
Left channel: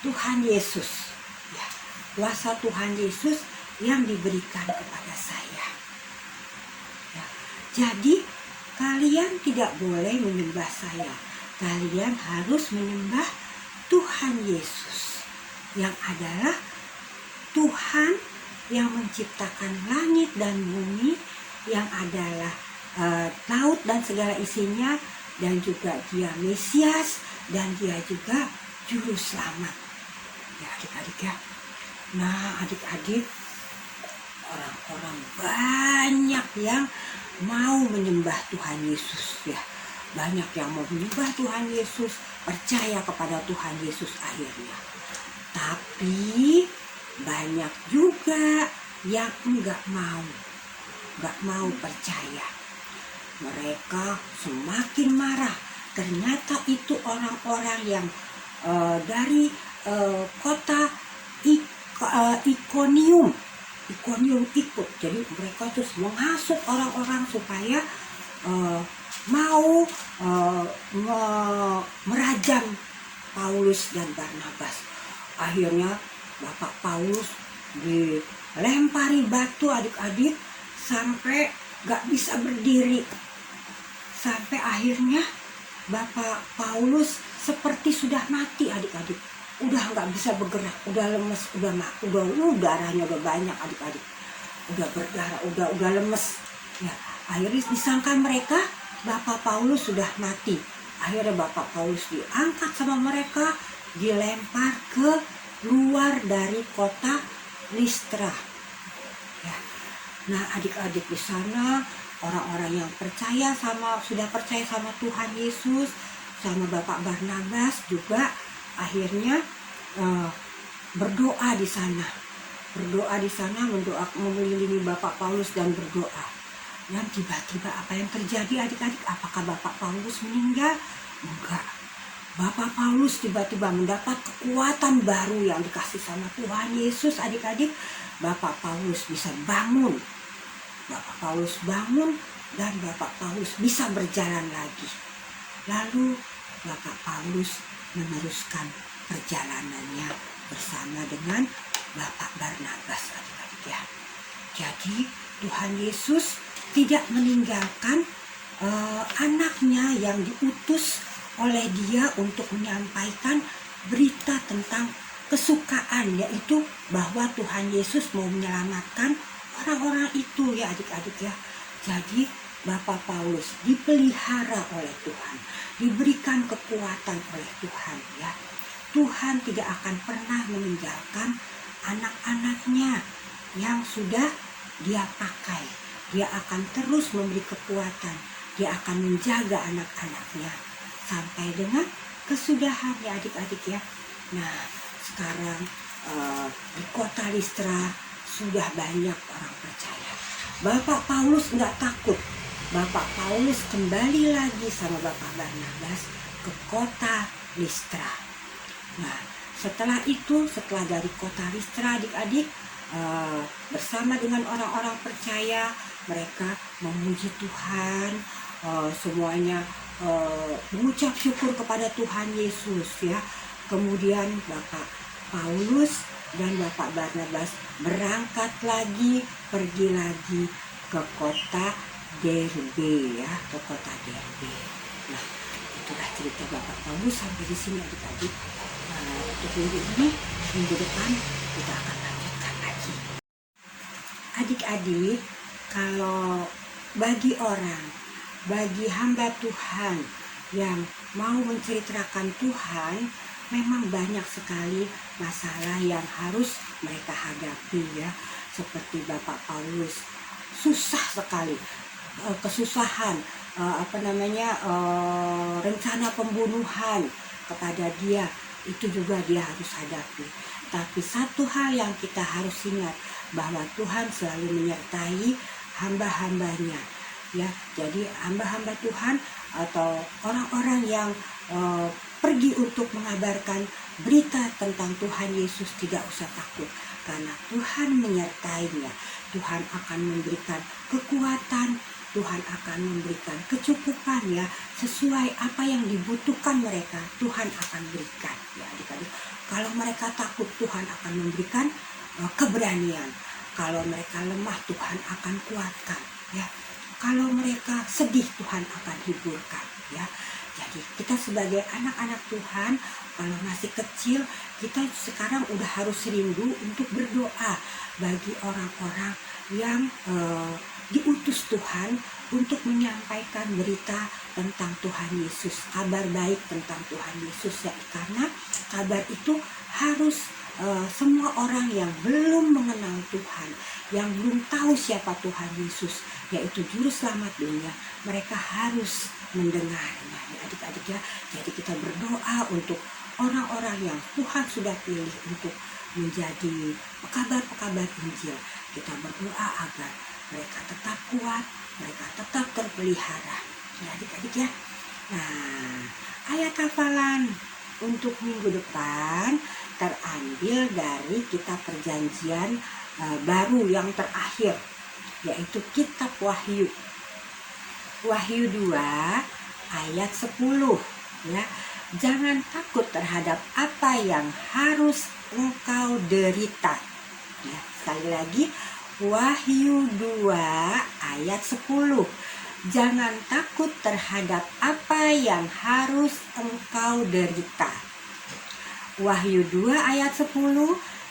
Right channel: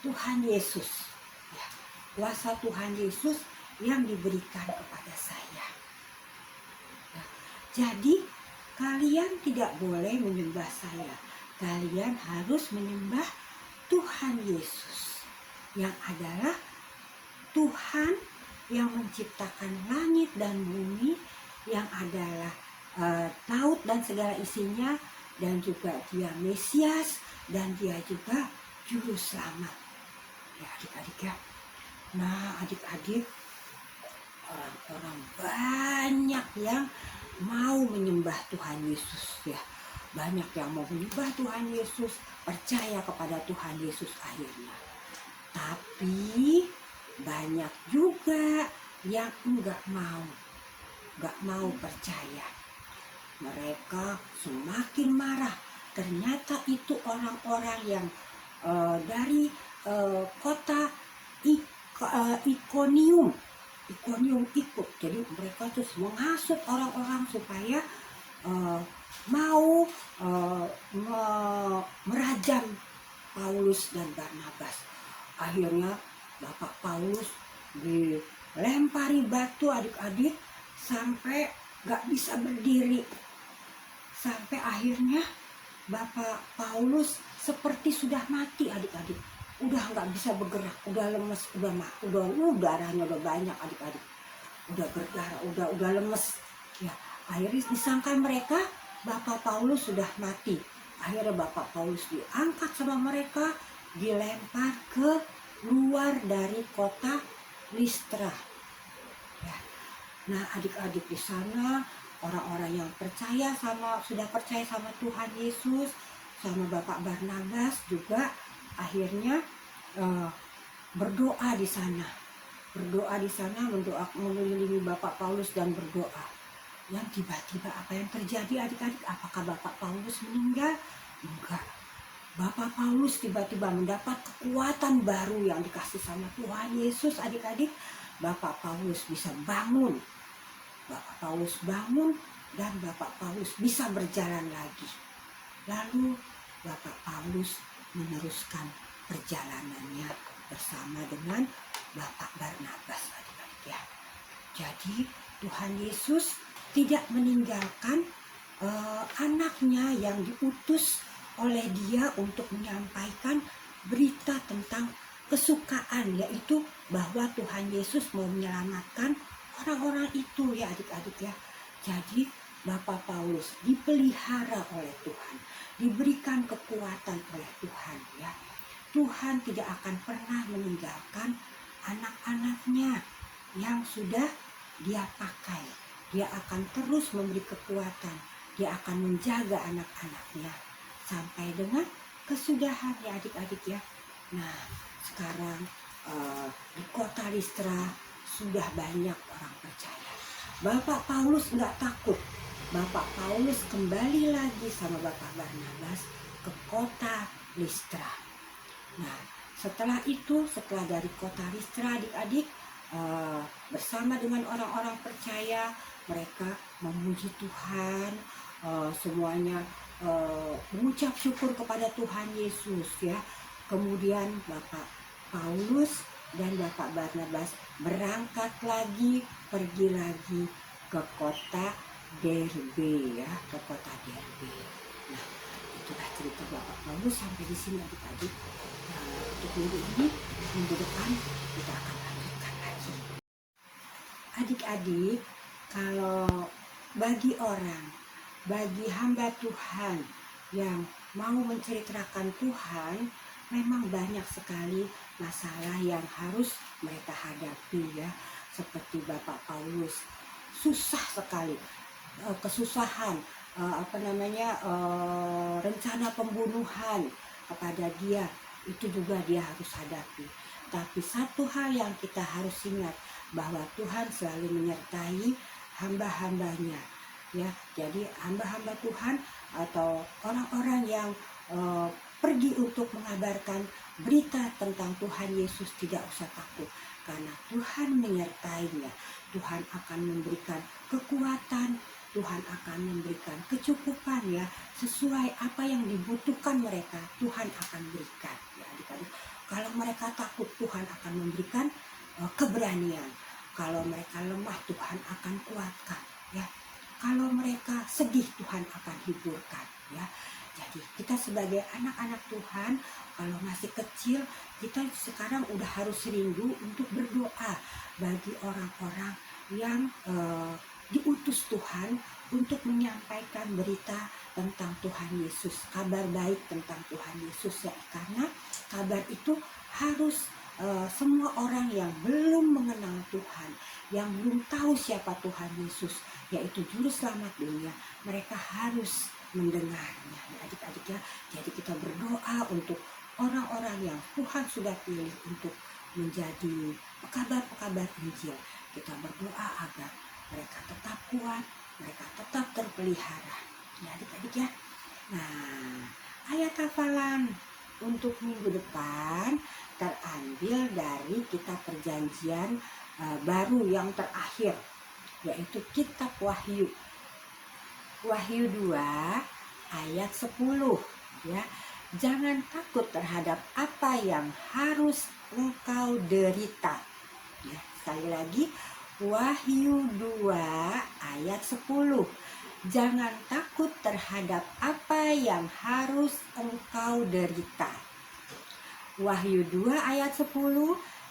Tuhan Yesus. Ya, kuasa Tuhan Yesus yang diberikan kepada saya. Ya, jadi kalian tidak boleh menyembah saya. Kalian harus menyembah Tuhan Yesus yang adalah Tuhan yang menciptakan langit dan bumi, yang adalah laut dan segala isinya, dan juga dia Mesias, dan dia juga juru selamat. Ya adik-adik ya. Nah adik-adik, orang-orang banyak yang mau menyembah Tuhan Yesus ya. Banyak yang mau menyembah Tuhan Yesus, percaya kepada Tuhan Yesus akhirnya. Tapi banyak juga yang enggak mau percaya. Mereka semakin marah. Ternyata itu orang-orang yang dari kota Ikonium ikut. Jadi mereka terus menghasut orang-orang supaya mau merajam Paulus dan Barnabas. Akhirnya Bapak Paulus dilempari batu adik-adik sampai gak bisa berdiri. Sampai akhirnya Bapak Paulus seperti sudah mati adik-adik. Udah gak bisa bergerak, udah lemes, udah darahnya udah banyak adik-adik. Udah berdarah, udah lemes. Ya, akhirnya disangka mereka Bapak Paulus sudah mati. Akhirnya Bapak Paulus diangkat sama mereka, dilempar ke luar dari kota Listra. Ya. Nah adik-adik di sana orang-orang yang sudah percaya sama Tuhan Yesus, sama Bapak Barnabas juga akhirnya berdoa di sana, mengelilingi Bapak Paulus dan berdoa. Dan tiba-tiba apa yang terjadi adik-adik? Apakah Bapak Paulus meninggal? Enggak. Bapak Paulus tiba-tiba mendapat kekuatan baru yang dikasih sama Tuhan Yesus adik-adik. Bapak Paulus bisa bangun. Bapak Paulus bangun dan Bapak Paulus bisa berjalan lagi. Lalu Bapak Paulus meneruskan perjalanannya bersama dengan Bapak Barnabas adik-adik ya. Jadi Tuhan Yesus tidak meninggalkan anaknya yang diutus oleh dia untuk menyampaikan berita tentang kesukaan, yaitu bahwa Tuhan Yesus mau menyelamatkan orang-orang itu ya adik-adik ya. Jadi Bapak Paulus dipelihara oleh Tuhan, diberikan kekuatan oleh Tuhan ya. Tuhan tidak akan pernah meninggalkan anak-anaknya yang sudah dia pakai. Dia akan terus memberi kekuatan, dia akan menjaga anak-anaknya sampai dengan kesudahan ya adik-adik ya. Nah sekarang di kota Listra sudah banyak orang percaya. Bapak Paulus nggak takut. Bapak Paulus kembali lagi sama Bapak Barnabas ke kota Listra. Nah setelah dari kota Listra adik-adik bersama dengan orang-orang percaya, mereka memuji Tuhan, semuanya mengucap syukur kepada Tuhan Yesus ya. Kemudian Bapak Paulus dan Bapak Barnabas berangkat lagi, pergi lagi ke kota Derbe ya, ke kota Derbe. Nah, itulah cerita Bapak Paulus sampai di sini adik-adik. Untuk minggu ini, minggu depan kita akan lanjutkan lagi. Adik-adik, kalau bagi orang, bagi hamba Tuhan yang mau menceritakan Tuhan, memang banyak sekali masalah yang harus mereka hadapi ya. Seperti Bapak Paulus, susah sekali, kesusahan, rencana pembunuhan kepada dia, itu juga dia harus hadapi. Tapi satu hal yang kita harus ingat, bahwa Tuhan selalu menyertai hamba-hambanya ya. Jadi hamba-hamba Tuhan atau orang-orang yang pergi untuk mengabarkan berita tentang Tuhan Yesus tidak usah takut, karena Tuhan menyertainya. Tuhan akan memberikan kekuatan, Tuhan akan memberikan kecukupan ya, sesuai apa yang dibutuhkan mereka, Tuhan akan berikan ya adik-adik. Kalau mereka takut, Tuhan akan memberikan keberanian. Kalau mereka lemah, Tuhan akan kuatkan ya. Kalau mereka sedih, Tuhan akan hiburkan ya. Jadi kita sebagai anak-anak Tuhan, kalau masih kecil, kita sekarang udah harus rindu untuk berdoa bagi orang-orang yang diutus Tuhan untuk menyampaikan berita tentang Tuhan Yesus, kabar baik tentang Tuhan Yesus ya. Karena kabar itu harus semua orang yang belum mengenal Tuhan, yang belum tahu siapa Tuhan Yesus, yaitu juru selamat dunia, mereka harus mendengarnya ya adik-adik ya. Jadi kita berdoa untuk orang-orang yang Tuhan sudah pilih untuk menjadi pekabar-pekabar Injil. Kita berdoa agar mereka tetap kuat, mereka tetap terpelihara ya adik-adik ya. Nah, ayat hafalan untuk minggu depan terambil dari kitab perjanjian baru yang terakhir, yaitu kitab Wahyu. Wahyu 2 ayat 10 ya. Jangan takut terhadap apa yang harus engkau derita. Ya, sekali lagi Wahyu 2 ayat 10. Jangan takut terhadap apa yang harus engkau derita. Wahyu 2 ayat 10,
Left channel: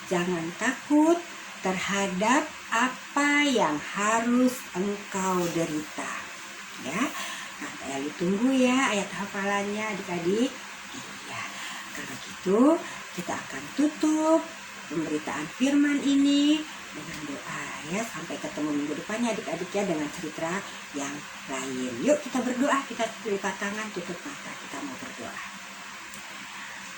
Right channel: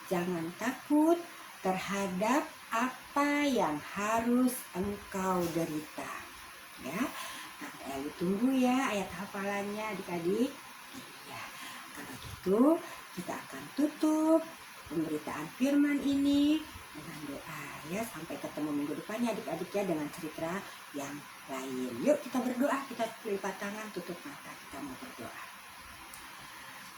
jangan takut terhadap apa yang harus engkau derita. Ya, nah, tunggu ya ayat hafalannya adik-adik. Ya, kalau gitu kita akan tutup pemberitaan firman ini dengan doa ya. Sampai ketemu minggu depannya adik-adik ya, dengan cerita yang lain. Yuk kita berdoa, kita lipat tangan, tutup mata, kita mau berdoa.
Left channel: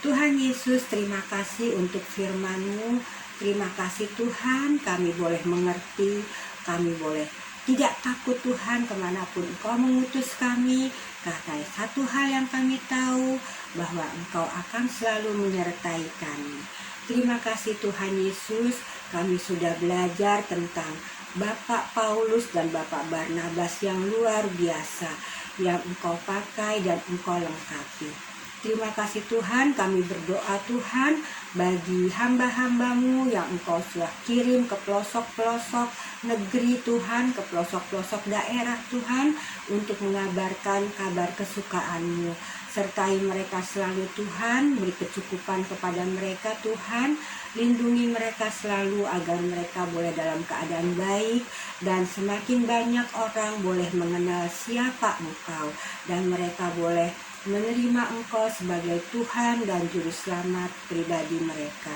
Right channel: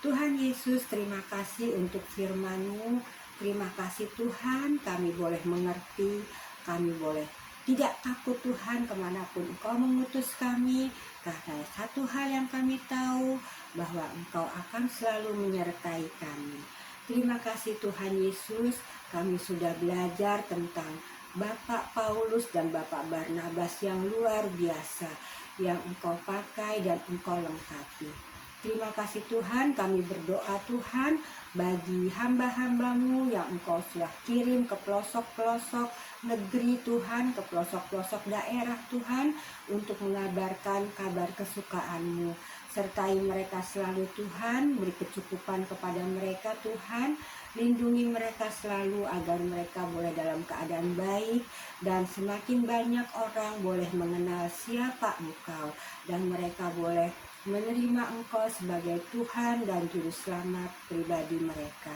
Tuhan Yesus, terima kasih untuk firman-Mu. Terima kasih Tuhan, kami boleh mengerti, kami boleh tidak takut Tuhan kemanapun Engkau mengutus kami. Karena satu hal yang kami tahu, bahwa Engkau akan selalu menyertai kami. Terima kasih Tuhan Yesus, kami sudah belajar tentang Bapak Paulus dan Bapak Barnabas yang luar biasa, yang Engkau pakai dan Engkau lengkapi. Terima kasih Tuhan, kami berdoa Tuhan bagi hamba-hamba-Mu yang Engkau sudah kirim ke pelosok-pelosok negeri Tuhan, ke pelosok-pelosok daerah Tuhan, untuk mengabarkan kabar kesukaan-Mu. Sertai mereka selalu Tuhan, beri kecukupan kepada mereka Tuhan, lindungi mereka selalu agar mereka boleh dalam keadaan baik, dan semakin banyak orang boleh mengenal siapa Engkau, dan mereka boleh menerima Engkau sebagai Tuhan dan Juru Selamat pribadi mereka.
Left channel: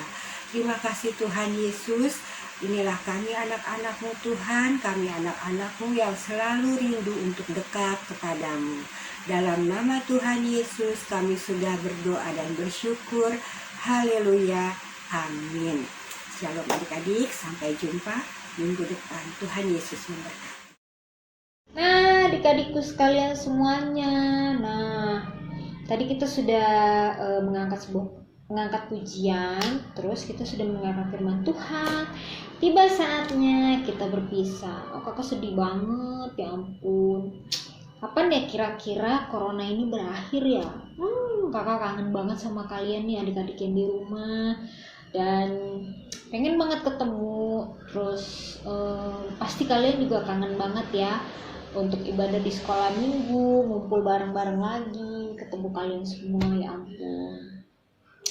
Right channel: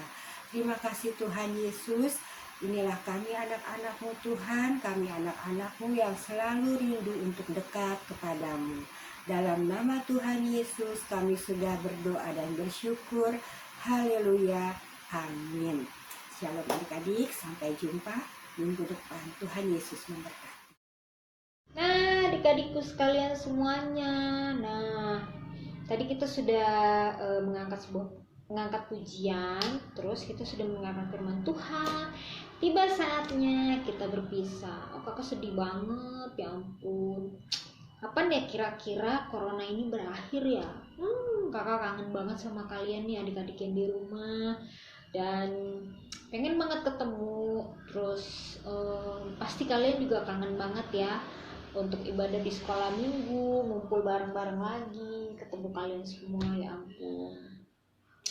Terima kasih Tuhan Yesus. Inilah kami anak-anak-Mu Tuhan, kami anak-anak-Mu yang selalu rindu untuk dekat kepadamu. Dalam nama Tuhan Yesus kami sudah berdoa dan bersyukur. Haleluya. Amin. Shalom adik-adik, sampai jumpa minggu depan. Tuhan Yesus memberkati. Nah, adik-adikku sekalian semuanya. Nah, tadi kita sudah mengangkat pujian, terus kita sudah mendengarkan firman Tuhan. Tiba saatnya kita berpisah. Oh, kakak sedih banget, ya ampun. Kapan ya kira-kira corona ini berakhir ya? Kakak kangen banget sama kalian nih adik-adik yang di rumah. Dan pengen banget ketemu. Terus pasti kalian juga kangen banget ya untuk ibadah di sekolah minggu, ngumpul bareng-bareng lagi, ketemu kalian semua. Ya ampun,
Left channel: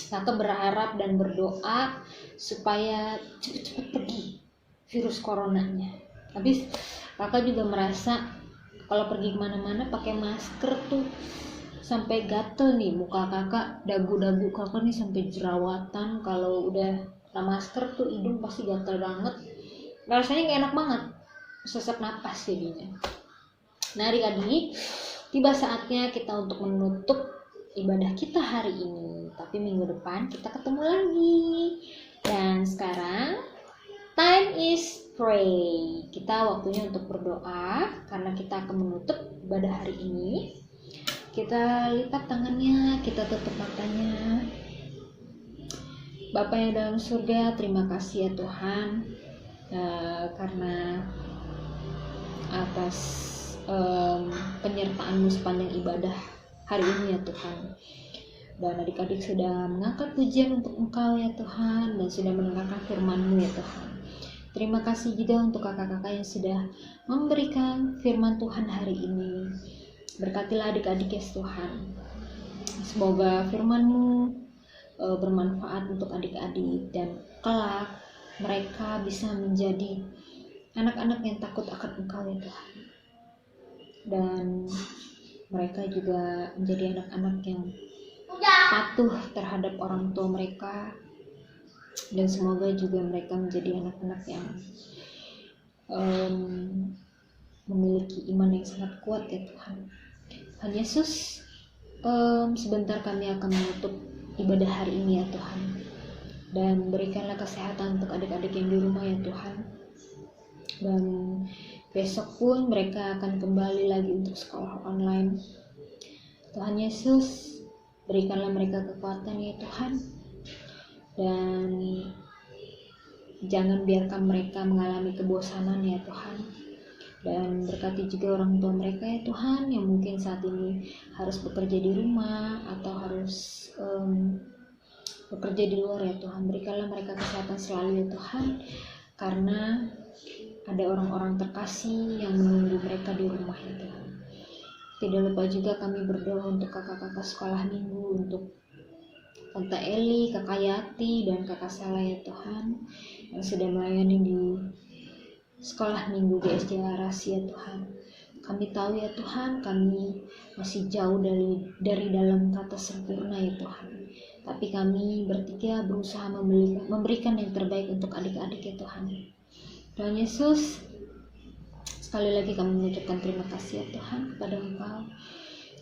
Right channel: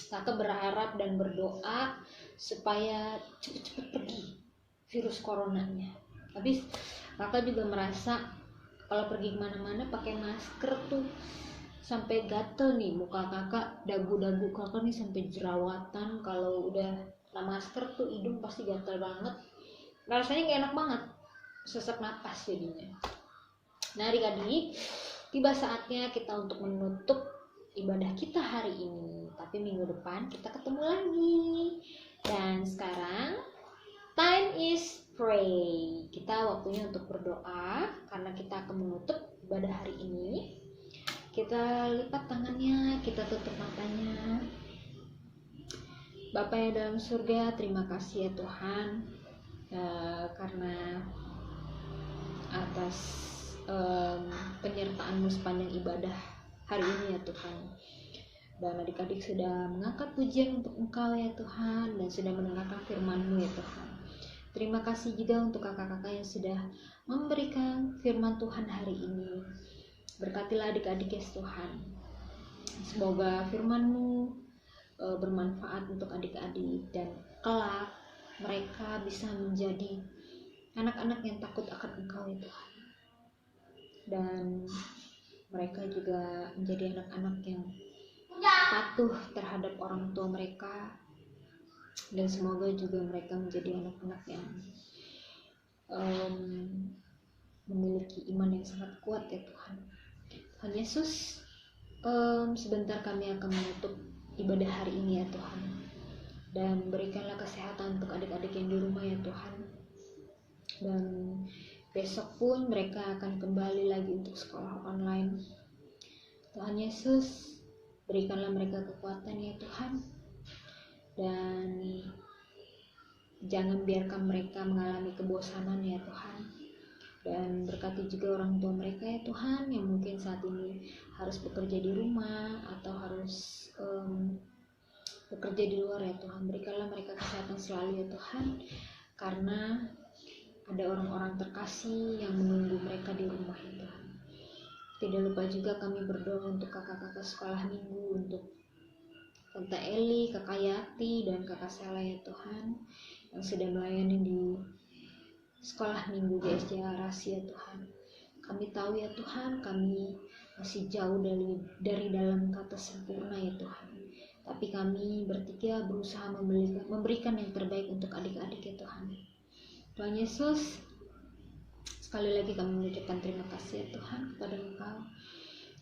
Kakak berharap dan berdoa supaya cepet-cepet pergi virus coronanya. Habis Kakak juga merasa kalau pergi kemana-mana pakai masker tuh sampai gatel nih muka Kakak, dagu-dagu Kakak nih sampai jerawatan. Kalau udah kena masker tuh hidung pasti gatel banget, rasanya gak enak banget, sesak napas jadinya. Nah adik-adik, tiba saatnya kita untuk menutup ibadah kita hari ini, tapi minggu depan kita ketemu lagi. Dan sekarang time is pray, kita waktunya untuk berdoa. Karena kita akan menutup ibadah hari ini, kita lipat tangannya, kita tutup matanya. Bapa yang dalam surga, terima kasih ya Tuhan, karena atas penyertaan-Mu sepanjang ibadah hari ini ya Tuhan. Dan adik-adik sudah mengangkat pujian untuk Engkau ya Tuhan, dan sudah mendengarkan firman-Mu ya Tuhan. Terima kasih juga untuk kakak-kakak yang sudah memberikan firman Tuhan hari ini. Berkatilah adik-adik ya Tuhan. Semoga firman-Mu bermanfaat untuk adik-adik, dan kelak mereka bisa menjadi anak-anak yang takut akan Engkau ya Tuhan. Dan mereka juga menjadi anak-anak yang patuh terhadap orang tua mereka. Dan semoga juga mereka menjadi anak-anak yang memiliki iman yang sangat kuat ya Tuhan. Tuhan Yesus, sebentar kami akan menutup ibadah hari ini ya Tuhan. Dan berikanlah kesehatan untuk adik-adik yang di rumah ya Tuhan. Dan besok pun mereka akan kembali lagi untuk sekolah online. Tuhan Yesus, berikanlah mereka kekuatan ya Tuhan. Dan jangan biarkan mereka mengalami kebosanan ya Tuhan. Dan berkati juga orang tua mereka ya Tuhan, yang mungkin saat ini harus bekerja di rumah atau harus bekerja di luar ya Tuhan. Berikanlah mereka kesehatan selalu ya Tuhan, karena ada orang-orang terkasih yang menunggu mereka di rumah ya Tuhan. Tidak lupa juga kami berdoa untuk kakak-kakak sekolah minggu, untuk Tante Eli, Kakak Yati, dan Kakak Sela ya Tuhan, yang sudah melayani di sekolah minggu GSJ Arasi ya Tuhan. Kami tahu ya Tuhan, kami masih jauh dari dalam kata sempurna ya Tuhan. Tapi kami bertiga berusaha memberikan yang terbaik untuk adik-adik ya Tuhan. Tuhan Yesus, sekali lagi kami mengucapkan terima kasih ya Tuhan kepada Engkau,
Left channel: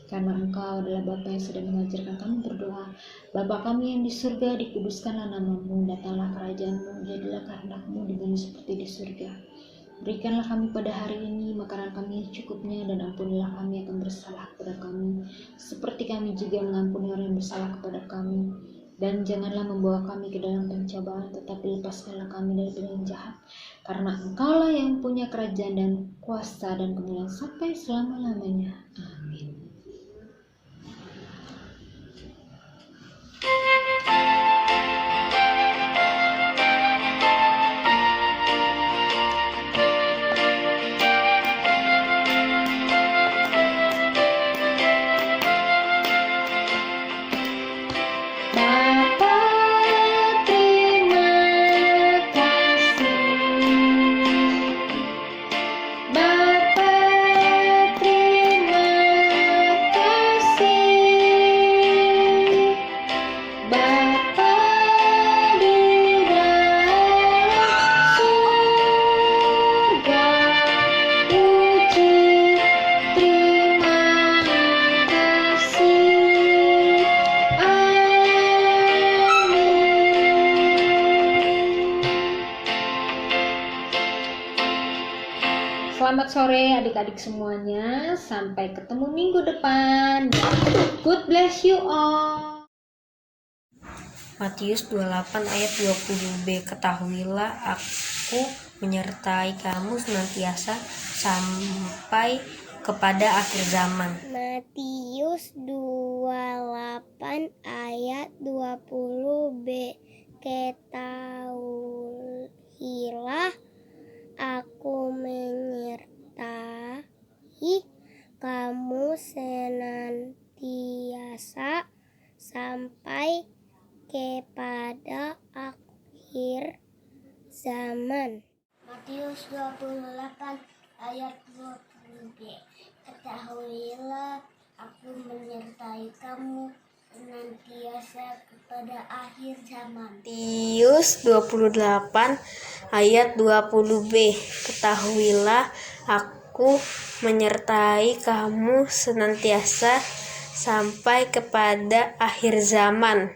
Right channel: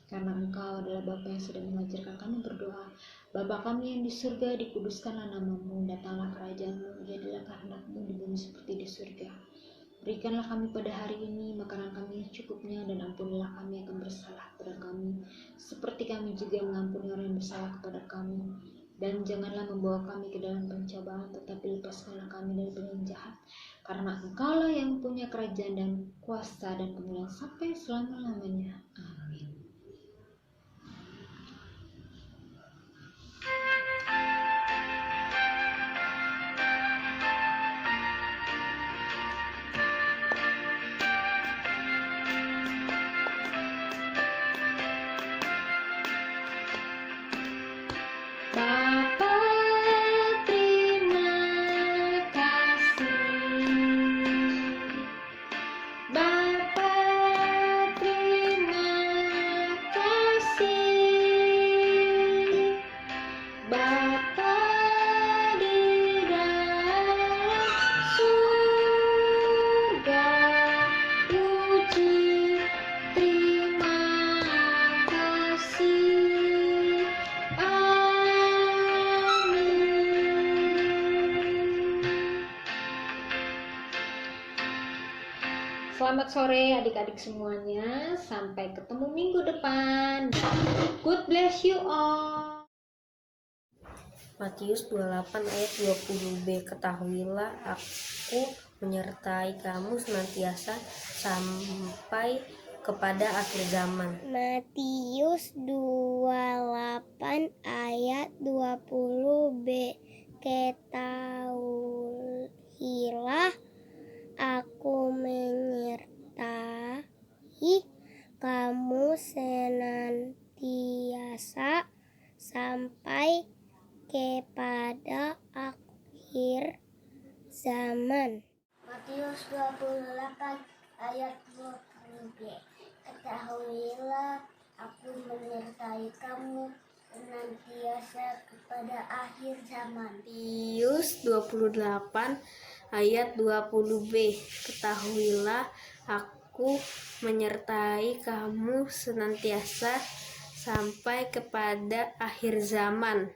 karena Engkau adalah Bapa yang sudah mengajarkan kami berdoa. Bapa kami yang di surga, dikuduskanlah nama-Mu, datanglah kerajaan-Mu, jadilah kehendak-Mu di bumi seperti di surga. Berikanlah kami pada hari ini makanan kami cukupnya, dan ampunilah kami akan bersalah kepada kami, seperti kami juga mengampuni orang yang bersalah kepada kami. Dan janganlah membawa kami ke dalam pencobaan, tetapi lepaskanlah kami dari yang jahat. Karena Engkaulah yang punya kerajaan dan kuasa dan kemuliaan sampai selama-lamanya. Amin. Bapa, terima kasih. Bapa, terima kasih. Bapa di dalam surga, puji terima kasih. Selamat sore adik-adik semuanya. Sampai ketemu minggu depan. God bless you all. Matius 28 ayat 20b. Ketahuilah aku menyertai kamu senantiasa sampai kepada akhir zaman. Matius 28 ayat 20b. ketahuilah aku menyertai kamu senantiasa sampai kepada akhir zaman. Matius 28 ayat 20b. Ketahuilah aku menyertai kamu senantiasa kepada akhir zaman. Matius 28 ayat 20b. Ketahuilah aku menyertai kamu senantiasa sampai kepada akhir zaman.